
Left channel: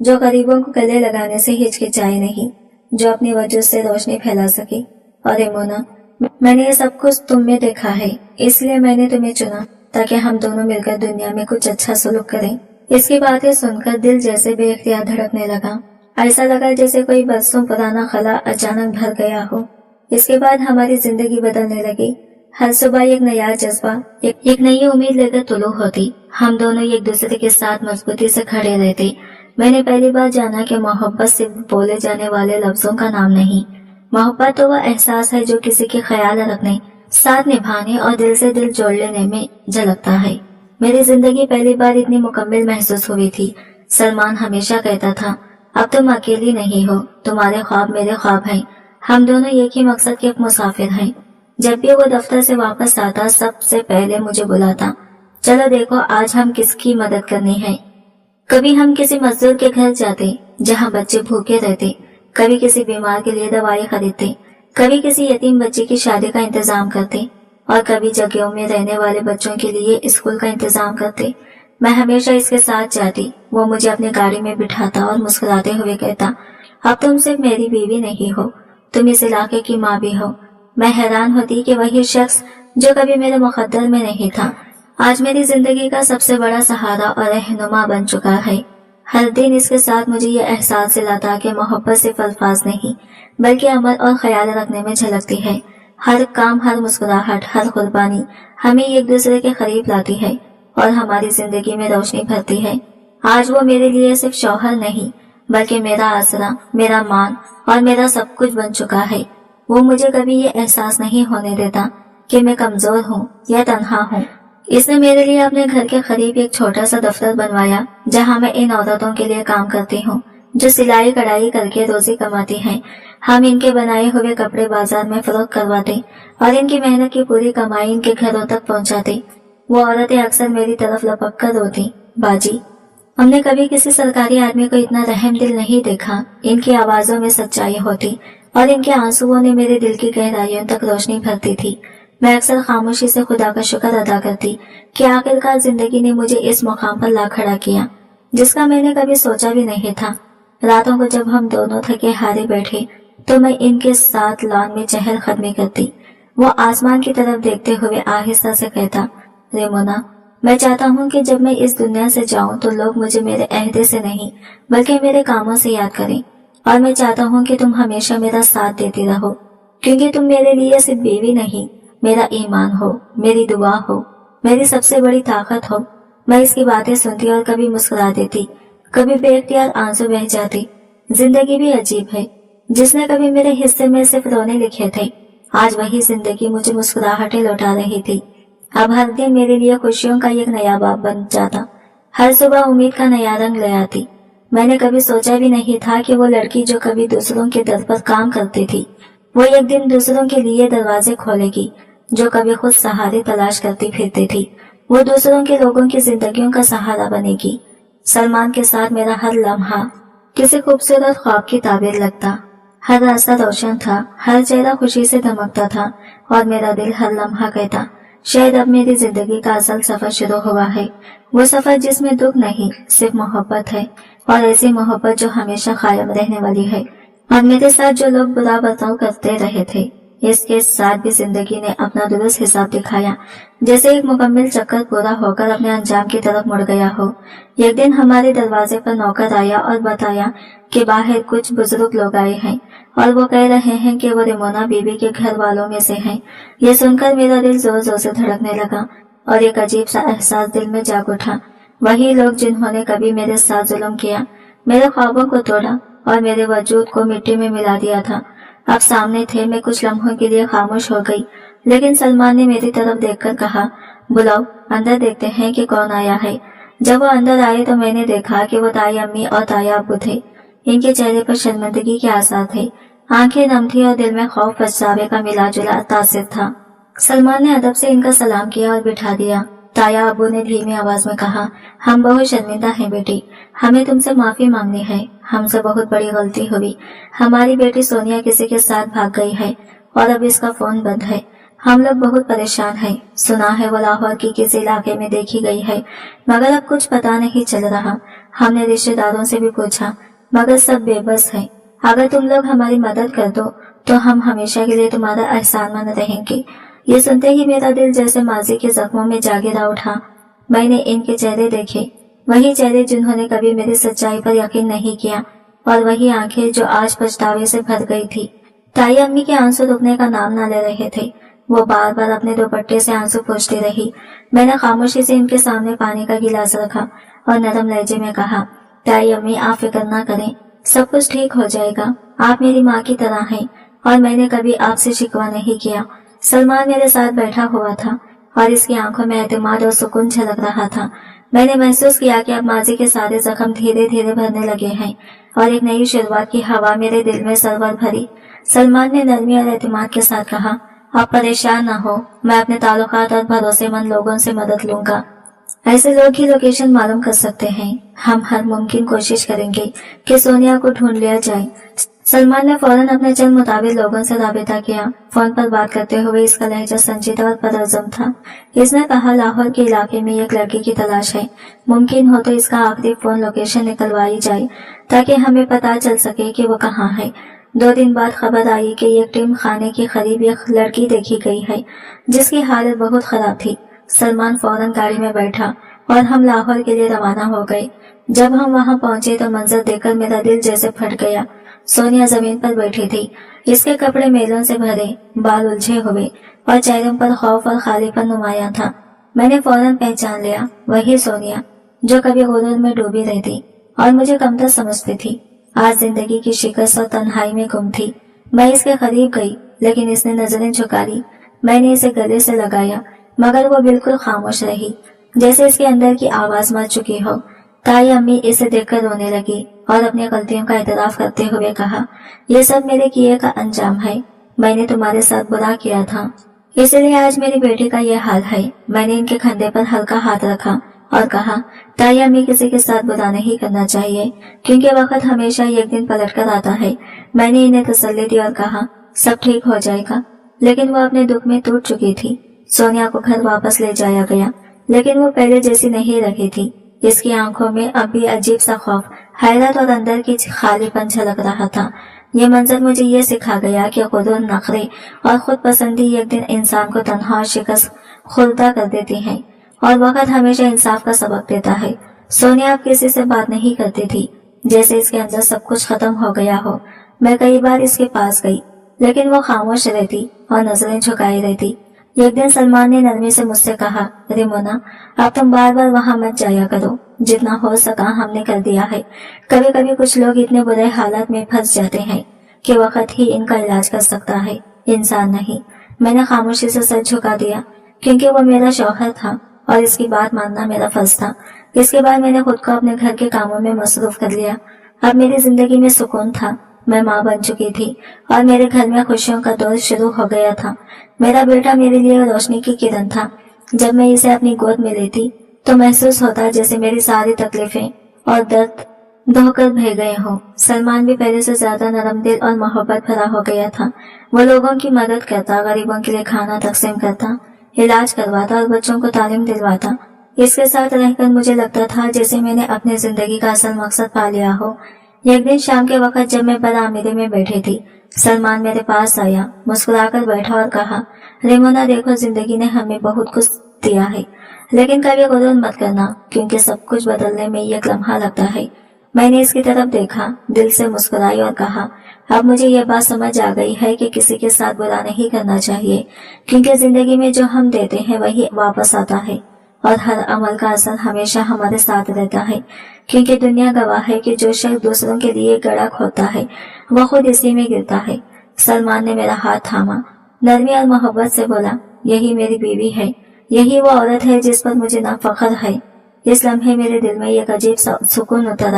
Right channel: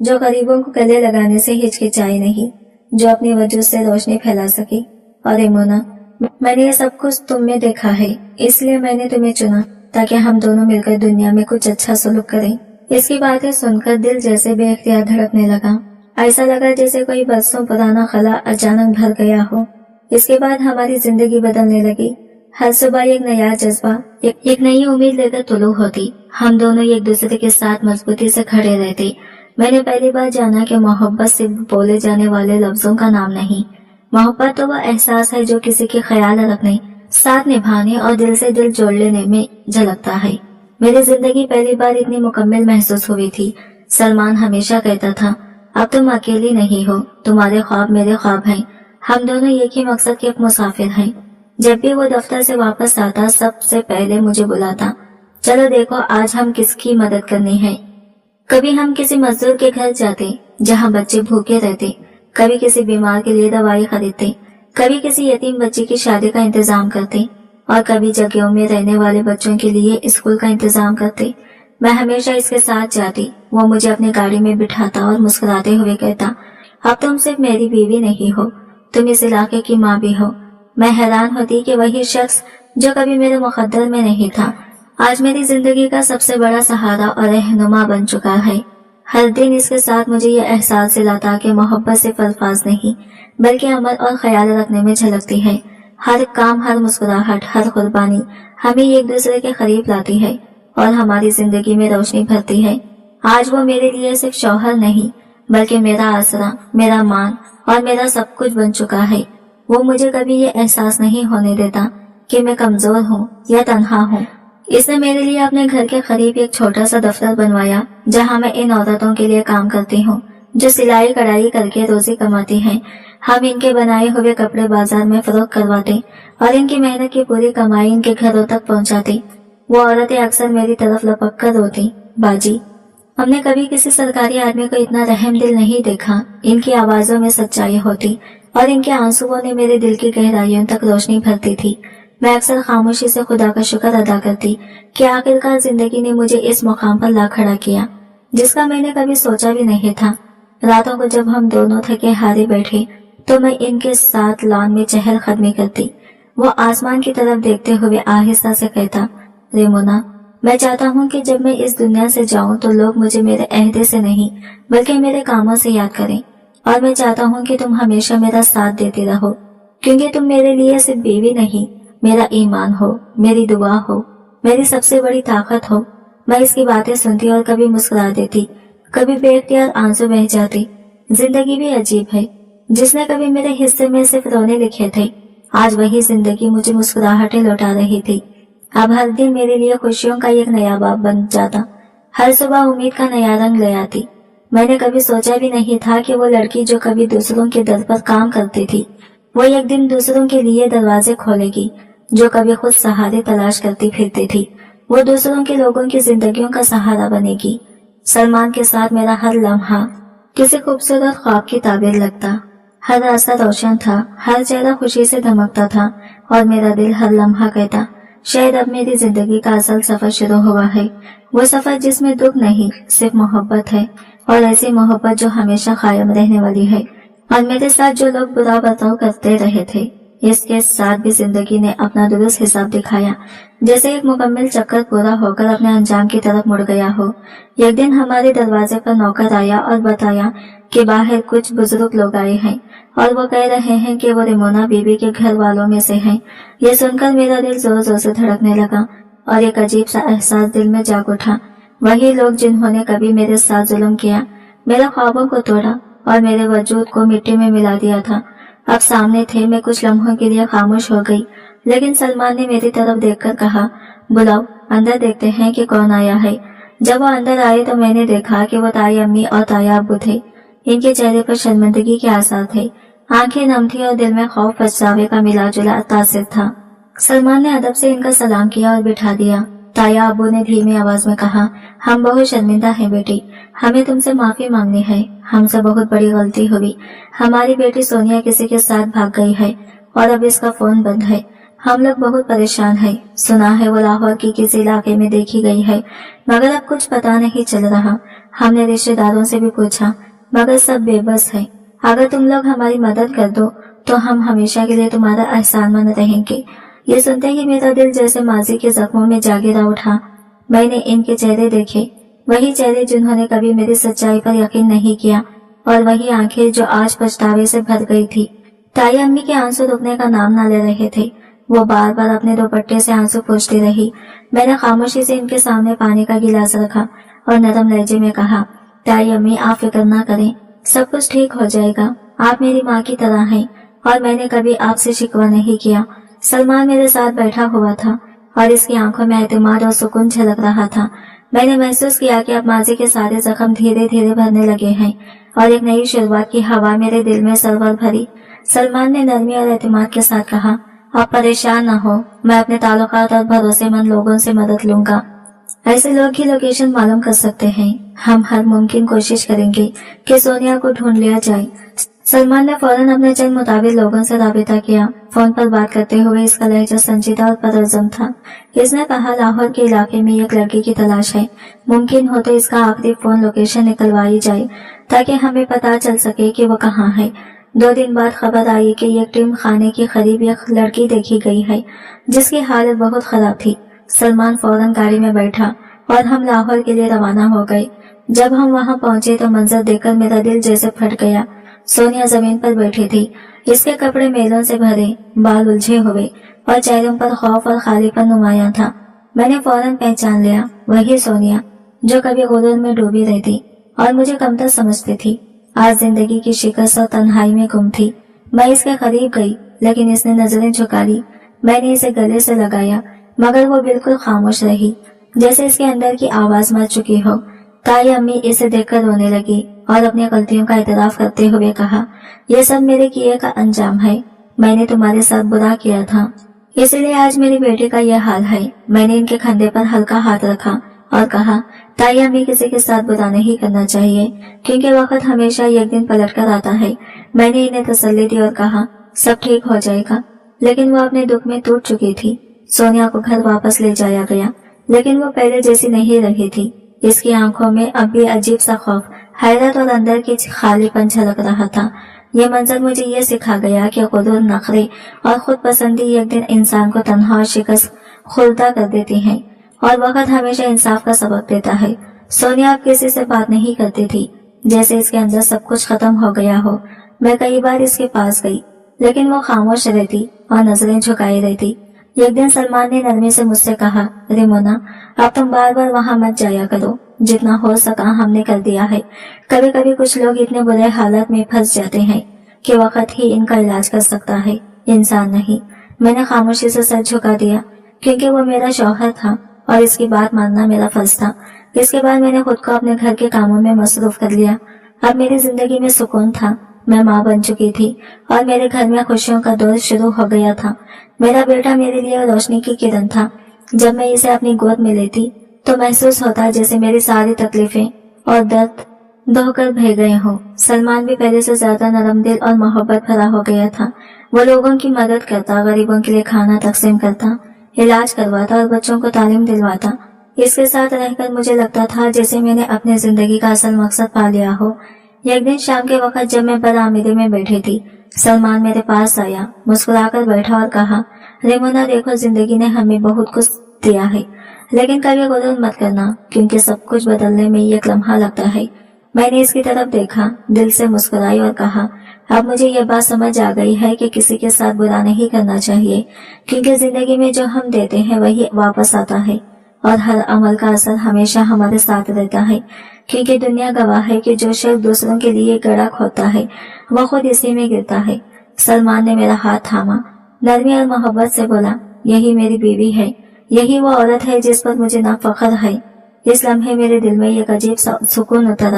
जो गरीबों को गले लगाने से हिचकिचाए नहीं, जो अपनी वजह से रोशनी फैला सके। और रेमोना, मैंने ये सब कुछ तुम में देखा है, इसलिए मैंने तुम्हें चुना ताकि हम दोनों मिलकर दुनिया में कुछ अच्छा सलूक करें। इसकी बातें सुनकर दिल जैसे बेख्तियार धड़कने लगा। ऐसा लगा जैसे कोई बरसों पुराना खला अचानक भर गया हो। इसके बाद हमारी जिंदगी बदलने लगी। हर सुबह एक नया जज्बा, एक नई उम्मीद लेकर तुलू होती। हम दोनों एक दूसरे के साथ मजबूती से खड़े रहते। मैंने पहली बार जाना कि मोहब्बत सिर्फ बोले जाने वाले लफ्जों का नाम नहीं। मोहब्बत तो वह एहसास है जो किसी के ख्याल रखने, साथ निभाने और दिल से दिल जोड़ लेने में झलकता है। मेरी जिंदगी पहली बार इतनी मुकम्मल महसूस हुई थी। सलमान हमेशा कहता था, अब तुम अकेली नहीं हो, तुम्हारे ख्वाब मेरे ख्वाब हैं। हम दोनों एक ही मकसद के मुसाफिर हैं। जब भी वो दफ्तर से वापस आता सबसे पहले मुझे बुलाता, चलो देखो आज हम किसकी मदद करनी है। कभी हम किसी मजदूर के घर जाते जहाँ बच्चे भूखे रहते, कभी किसी बीमार के लिए दवाई खरीदते, कभी किसी यतीम बच्चे की शादी का इंतजाम करते और कभी जगहों में रहने वाले बच्चों के लिए स्कूल का इंतजाम करते। मैं हमेशा इसके साथ जाती। वो मुझे अपनी गाड़ी में बिठाता और मुस्कुराते हुए कहता, अब तुम सिर्फ मेरी बीवी नहीं हो, तुम इस इलाके की माँ भी हो। मैं हैरान होती कि वही शख्स जो कभी मेरे मुकद्दर में नहीं था, आज मेरी जिंदगी का सबसे बड़ा सहारा और रहनुमा बन चुका है। हर दिन इसके साथ मुझे यह एहसास दिलाता कि मोहब्बत सिर्फ अल्फाज नहीं बल्कि अमल और ख्याल रखने में झलकती है। हर काम, हर मुस्कुराहट, हर कुर्बानी हमें एक दूसरे के करीब लाती है और हमारी जिंदगी में रोशनी भरती है। आज वो मेरे लिए सिर्फ शौहर नहीं बल्कि मेरा आसरा, मेरा मान और मेरा सब कुछ बन चुका है। वो मुझे कभी ये एहसास नहीं होने देता कि मैं कमजोर हूँ या तन्हा हूँ। इसने मेरे लिए अपने घर के करीब एक छोटा सा दफ्तर बनवाया जहाँ मैं इन औरतों के लिए काम करती हूँ जो सिलाई कढ़ाई करके रोजी कमाती हैं। हम इनके बनाए हुए कपड़े बाजार में फरोख्त करवाते और इनकी मेहनत की पूरी कमाई इनके घरों तक पहुँचाते। वो औरतें अक्सर मेरी तरफ लपक कर रोती, बाजी हमने कभी किसी सरकारी आदमी को इतना रहम दिल नहीं देखा। इनकी आवाजों में सच्चाई होती और इनके आंसुओं ने मेरे दिल की गहराइयों तक रोशनी भरती थी। मैं अक्सर खामोशी से खुदा का शुक्र अदा करती कि आखिरकार जिंदगी ने मुझे इस मुकाम पर ला खड़ा किया जिसका मैंने कभी सोचा भी नहीं था। रातों को जब हम दोनों थके हारे बैठे तो मैं इनके साथ लॉन में चहल कदमी करती। वो आसमान की तरफ देखते हुए आहिस्ता से कहता, रेमोना, मैं चाहता हूँ कि जब मैं इस दुनिया से जाऊँ तो लोग मुझे मेरे अहदे से नहीं बल्कि मेरे कामों से याद करें। और मैं चाहता हूँ कि तुम हमेशा मेरा साथ देती रहो, क्योंकि तुम मेरे लिए सिर्फ बीवी नहीं, मेरा ईमान हो, मेरी दुआ हो, मेरी सबसे बड़ी ताकत हो। मैं इसकी बातें सुनती और कभी मुस्कुरा देती, कभी बेख्तियार आंसू बह जाती। जिंदगी भी अजीब है, जिसने कभी मेरे हिस्से में सिर्फ रोने लिखे थे, आज वही जिंदगी मुझे मुस्कुराहटें लौटा रही थी। अब हर दिन मेरे लिए खुशियों का एक नया बाब बन जाता, हर सुबह उम्मीद का नया रंग ले आती। मैंने कभी सोचा भी नहीं था कि वो लड़की जो कभी दूसरों के दर पर काम करती थी, वो एक दिन दूसरों के लिए दरवाजे खोलेगी। जो कभी खुद सहारे तलाश करती फिरती थी, वो दूसरों के लोगों की जिंदगियों का सहारा बनेगी। सलमान के साथ मेरा हर लम्हा किसी खूबसूरत ख्वाब की ताबीर लगता। हर रास्ता रोशन था, हर चेहरा खुशी से धमकता था और मेरा दिल हर लम्हा कहता, शायद अब मेरी जिंदगी का असल सफर शुरू हुआ है। वो सफर जिसमें दुख नहीं सिर्फ मोहब्बत है, और ऐसी मोहब्बत जो हमेशा कायम रहने वाली है। और मेरे साथ जो लोग बुरा बर्ताव करते रहे थे, इसके साथ भी जिंदगी ने अपना दुरुस्त हिसाब दिखाया, जैसे एक मुकम्मल चक्कर पूरा होकर अपने अंजाम की तरफ मुड़ गया हो। एक दिन हमारे दरवाजे पर नौकर आया और बताया कि बाहर कुछ बुजुर्ग लोग आए हैं और वो कह रहे हैं कि वो रेमोना बीवी के घर वालों में से हैं। यह सुनकर मेरा दिल जोर जोर से धड़कने लगा और एक अजीब सा एहसास दिल में जाग उठा। वही लोग जिन्होंने कभी मेरे साथ जुल्म किया, मेरे ख्वाबों को तोड़ा और मेरे वजूद को मिट्टी में मिला दिया था, अब सामने थे। मैं कुछ लम्हों के लिए खामोश हो गई, लेकिन सलमान ने मेरी तरफ देखकर कहा, बुलाओ, अंदर देखते हैं कि कौन आया है। जब वो अंदर आए तो मैंने देखा कि वो ताई अम्मी और ताया अब्बू थे। इनके चेहरे पर शर्मिंदगी के आसार थे, आंखें नम थी और दिल में खौफ पछतावे का मिला जुला तासिर था। सलमान ने अदब से इनका सलाम किया और बिठा दिया। ताया अब्बू ने धीमी आवाज में कहा, हम बहुत शर्मिंदा हैं बेटी, हमें तुमसे माफी मांगनी है, हमसे बहुत बड़ी गलती हुई। हमारी बेटी सोनिया किसी के साथ भाग गई है और अब इसका फोन बंद है। हम लोग बहुत परेशान हैं। सुना है वो लाहौर की किसी इलाके में देखी गई है, मगर अब कुछ पता नहीं चल रहा। हमने रिश्तेदारों से भी पूछा, मगर सब बेबस है। अगर तुम लोग हमारी मदद कर दो तो हम हमेशा के लिए तुम्हारा एहसानमंद रहेंगे। ये सुनते ही मेरा दिल जैसे माजी के जख्मों में जागीरा उठा। मैंने इनके चेहरे देखे, वही चेहरे जिन्होंने कभी मेरी सच्चाई पर यकीन नहीं किया, और वही आंखें जो आज पछतावे से भर गई थी। ताई अम्मी के आंसू रुकने का नाम ना ले रहे थे। वो बार बार अपने दुपट्टे से आंसू पोंछती रही। मैंने खामोशी से इनके सामने पानी का गिलास रखा और नरम लहजे में कहा, ताई अम्मी आप फिक्र ना करें, सब कुछ ठीक हो जाएगा। आप मेरी माँ की तरह हैं और मैंने कभी आपसे शिकवा नहीं किया। सलमान मेरे साथ बैठा हुआ था और इसकी आंखों में एतमाद और सुकून झलक रहा था। मैंने महसूस किया कि अब माजी के सारे जख्म धीरे धीरे भरने लगे हैं और एक नई शुरुआत की हवा मेरे दिल में सरवर भरी। सलमान ने नरमी और एतमाद के साथ कहा, आप परेशान न हो, मैं अपने ताल्लुकात और भरोसेमंद लोगों से मदद लूंगा। ऐसे लोग ही लोकेशन मालूम कर सकते हैं। हम हर मुमकिन कोशिश करेंगे कि सोनिया को ढूंढ लिया जाए। सलमान ने फौरन अपने चंद मुताबिक लोगों से राबिता किया। फोन पर बात करते हुए इसका लहजा संजीदा और परअज़्म था। इसने कहा, लाहौर के इलाके में एक लड़की की तलाश है, मुमकिन हो तो इसका आखिरी फोन लोकेशन निकलवाई जाए ताकि हमें पता चल सके कि वो कहाँ है। 2 दिन बाद खबर आई कि एक टीम खाने के करीब एक लड़की देखी गई है जिसकी हालत बहुत खराब थी। सलमान फौरन गाड़ी में बैठा और हम लाहौर के लिए रवाना हो गए। जब हम वहां पहुंचे तो मंजर देखकर मेरा दिल जैसे फट गया। सोनिया जमीन पर बैठी थी। इसके कपड़े मेलों से भरे, बाल उलझे हुए और चेहरों पर खौफ और खालीपन नुमाया था। मैंने फौरन पहचान लिया, वही सोनिया जो कभी गुरूर में डूबी रहती और मुझे कमतर समझती थी, आज जिंदगी की शिकस्त और तन्हाई में गुम थी। मैं इसके करीब गई लेकिन इसने नजरें झुका ली। मैंने इसे गले से लगाया मगर वो बिल्कुल खामोश रही, जैसे इसके अंदर की आवाज मर चुकी हो। ताई अम्मी इसे देखकर रोने लगी और अपनी गलतियों का एतराफ करते हुए कहा, यह सब मेरे किए का अंजाम है। मैंने तुम्हारे साथ बुरा किया था, इसलिए आज मेरी बेटी का यह हाल है। मैंने इनके कंधे पर हल्का हाथ रखा और कहा, ताई अम्मी किसी के साथ बुरा नहीं करना चाहिए क्योंकि वक्त हमेशा एक दिन पलट कर आता है। मैंने इन्हें तसल्ली दी और कहा, सब ठीक हो जाएगा। लेकिन वो अपने दुख में टूट चुकी थी। सोनिया को घर वापस ले जाया गया लेकिन वो पहले जैसी नहीं रही थी। इसकी आंखों में अब भी अजीब सा खौफ, हैरत और अंदर की खालीपन झलक रहा था। यह मंजर मुझे ये सिखा गया कि गुरूर, नखरे और खुद पसंदी एक दिन इंसान को तन्हा और शिकस्त खुर्दा कर देती हैं और वक्त हमेशा इंसाफ का सबक देता है। सोनिया अब किसी से बात नहीं करती थी, जैसे इसके अंदर सब कुछ खत्म हो गया हो। मैं कई बार इसके पास गई लेकिन वो खामोश रहती और नजरें झुकाई रहती। एक दिन सलमान ने नरमी से मुझसे कहा, रिमोना अब तुम बार बार वहां मत जाया करो, जितना हो सका हमने कर दिया है। कभी कभी कुछ लोग इतने बुरे हालत में फंस जाते हैं कि वक्त ही इनका इलाज कर सकता है, इंसान नहीं। मैंने खामोशी से सर झुका दिया क्योंकि वो मेरा शौहर था और इसकी बात मानना मेरा फर्ज था। इसके बाद मैंने खुद को अपने घर के कामों में मसरूफ कर लिया। अब मेरी जिंदगी में सुकून था। मैं माँ बन चुकी थी और मेरे घर में खुशियों का दौर शुरू हो गया था। मेरा बेटा मेरे लिए रोशनी की किरण था। जब मैं इसे अपनी गोद में लेती तो महसूस होता जैसे मेरी सारी तकलीफें और दर्द धोकर बह गए हों। सलमान भी पहले से ज्यादा नरम दिल और मोहब्बत भरा हो गया था। वो लोगों की मदद करता, गरीबों के लिए खाना तकसीम करता, इलाज करवाता और बच्चों को तालीम दिलवाता। इसके साथ रहकर मुझे लगता था जैसे मैंने अपनी जिंदगी का असल मकसद पा लिया हो। एक दिन शाम के वक्त जब मैं बरामदे में बैठी थी, सलमान मेरे पास आया, मुस्कुराकर बैठा और कहा, रेमोना देखो, जिंदगी ने हमें बहुत कुछ दिया है लेकिन कभी गुरूर मत करना क्योंकि सब कुछ बदलने में एक लम्हा लगता है। मैंने इसकी तरफ देखा, दिल से मुस्कुराई और कहा, अब मुझे यह बात समझ आ गई है कि किसी के साथ बुरा नहीं करना चाहिए क्योंकि जिंदगी में जो हम देते हैं वही वापस आता है और हर अमल का असर हमेशा हमारे साथ रहता है क्योंकि दुनिया गवाह है कि जो शख्स दूसरों के लिए गड़ा खोदता है वह खुद इसी में गिरता है। सलमान ने मेरा हाथ थामा, नरमी और मोहब्बत से बोला, यही मेरी बीवी है, यही वो औरत है जिस पर मुझे ना फख्र है। इस लम्हे मेरे दिल में एक अजीब सा सुकून उतर आया।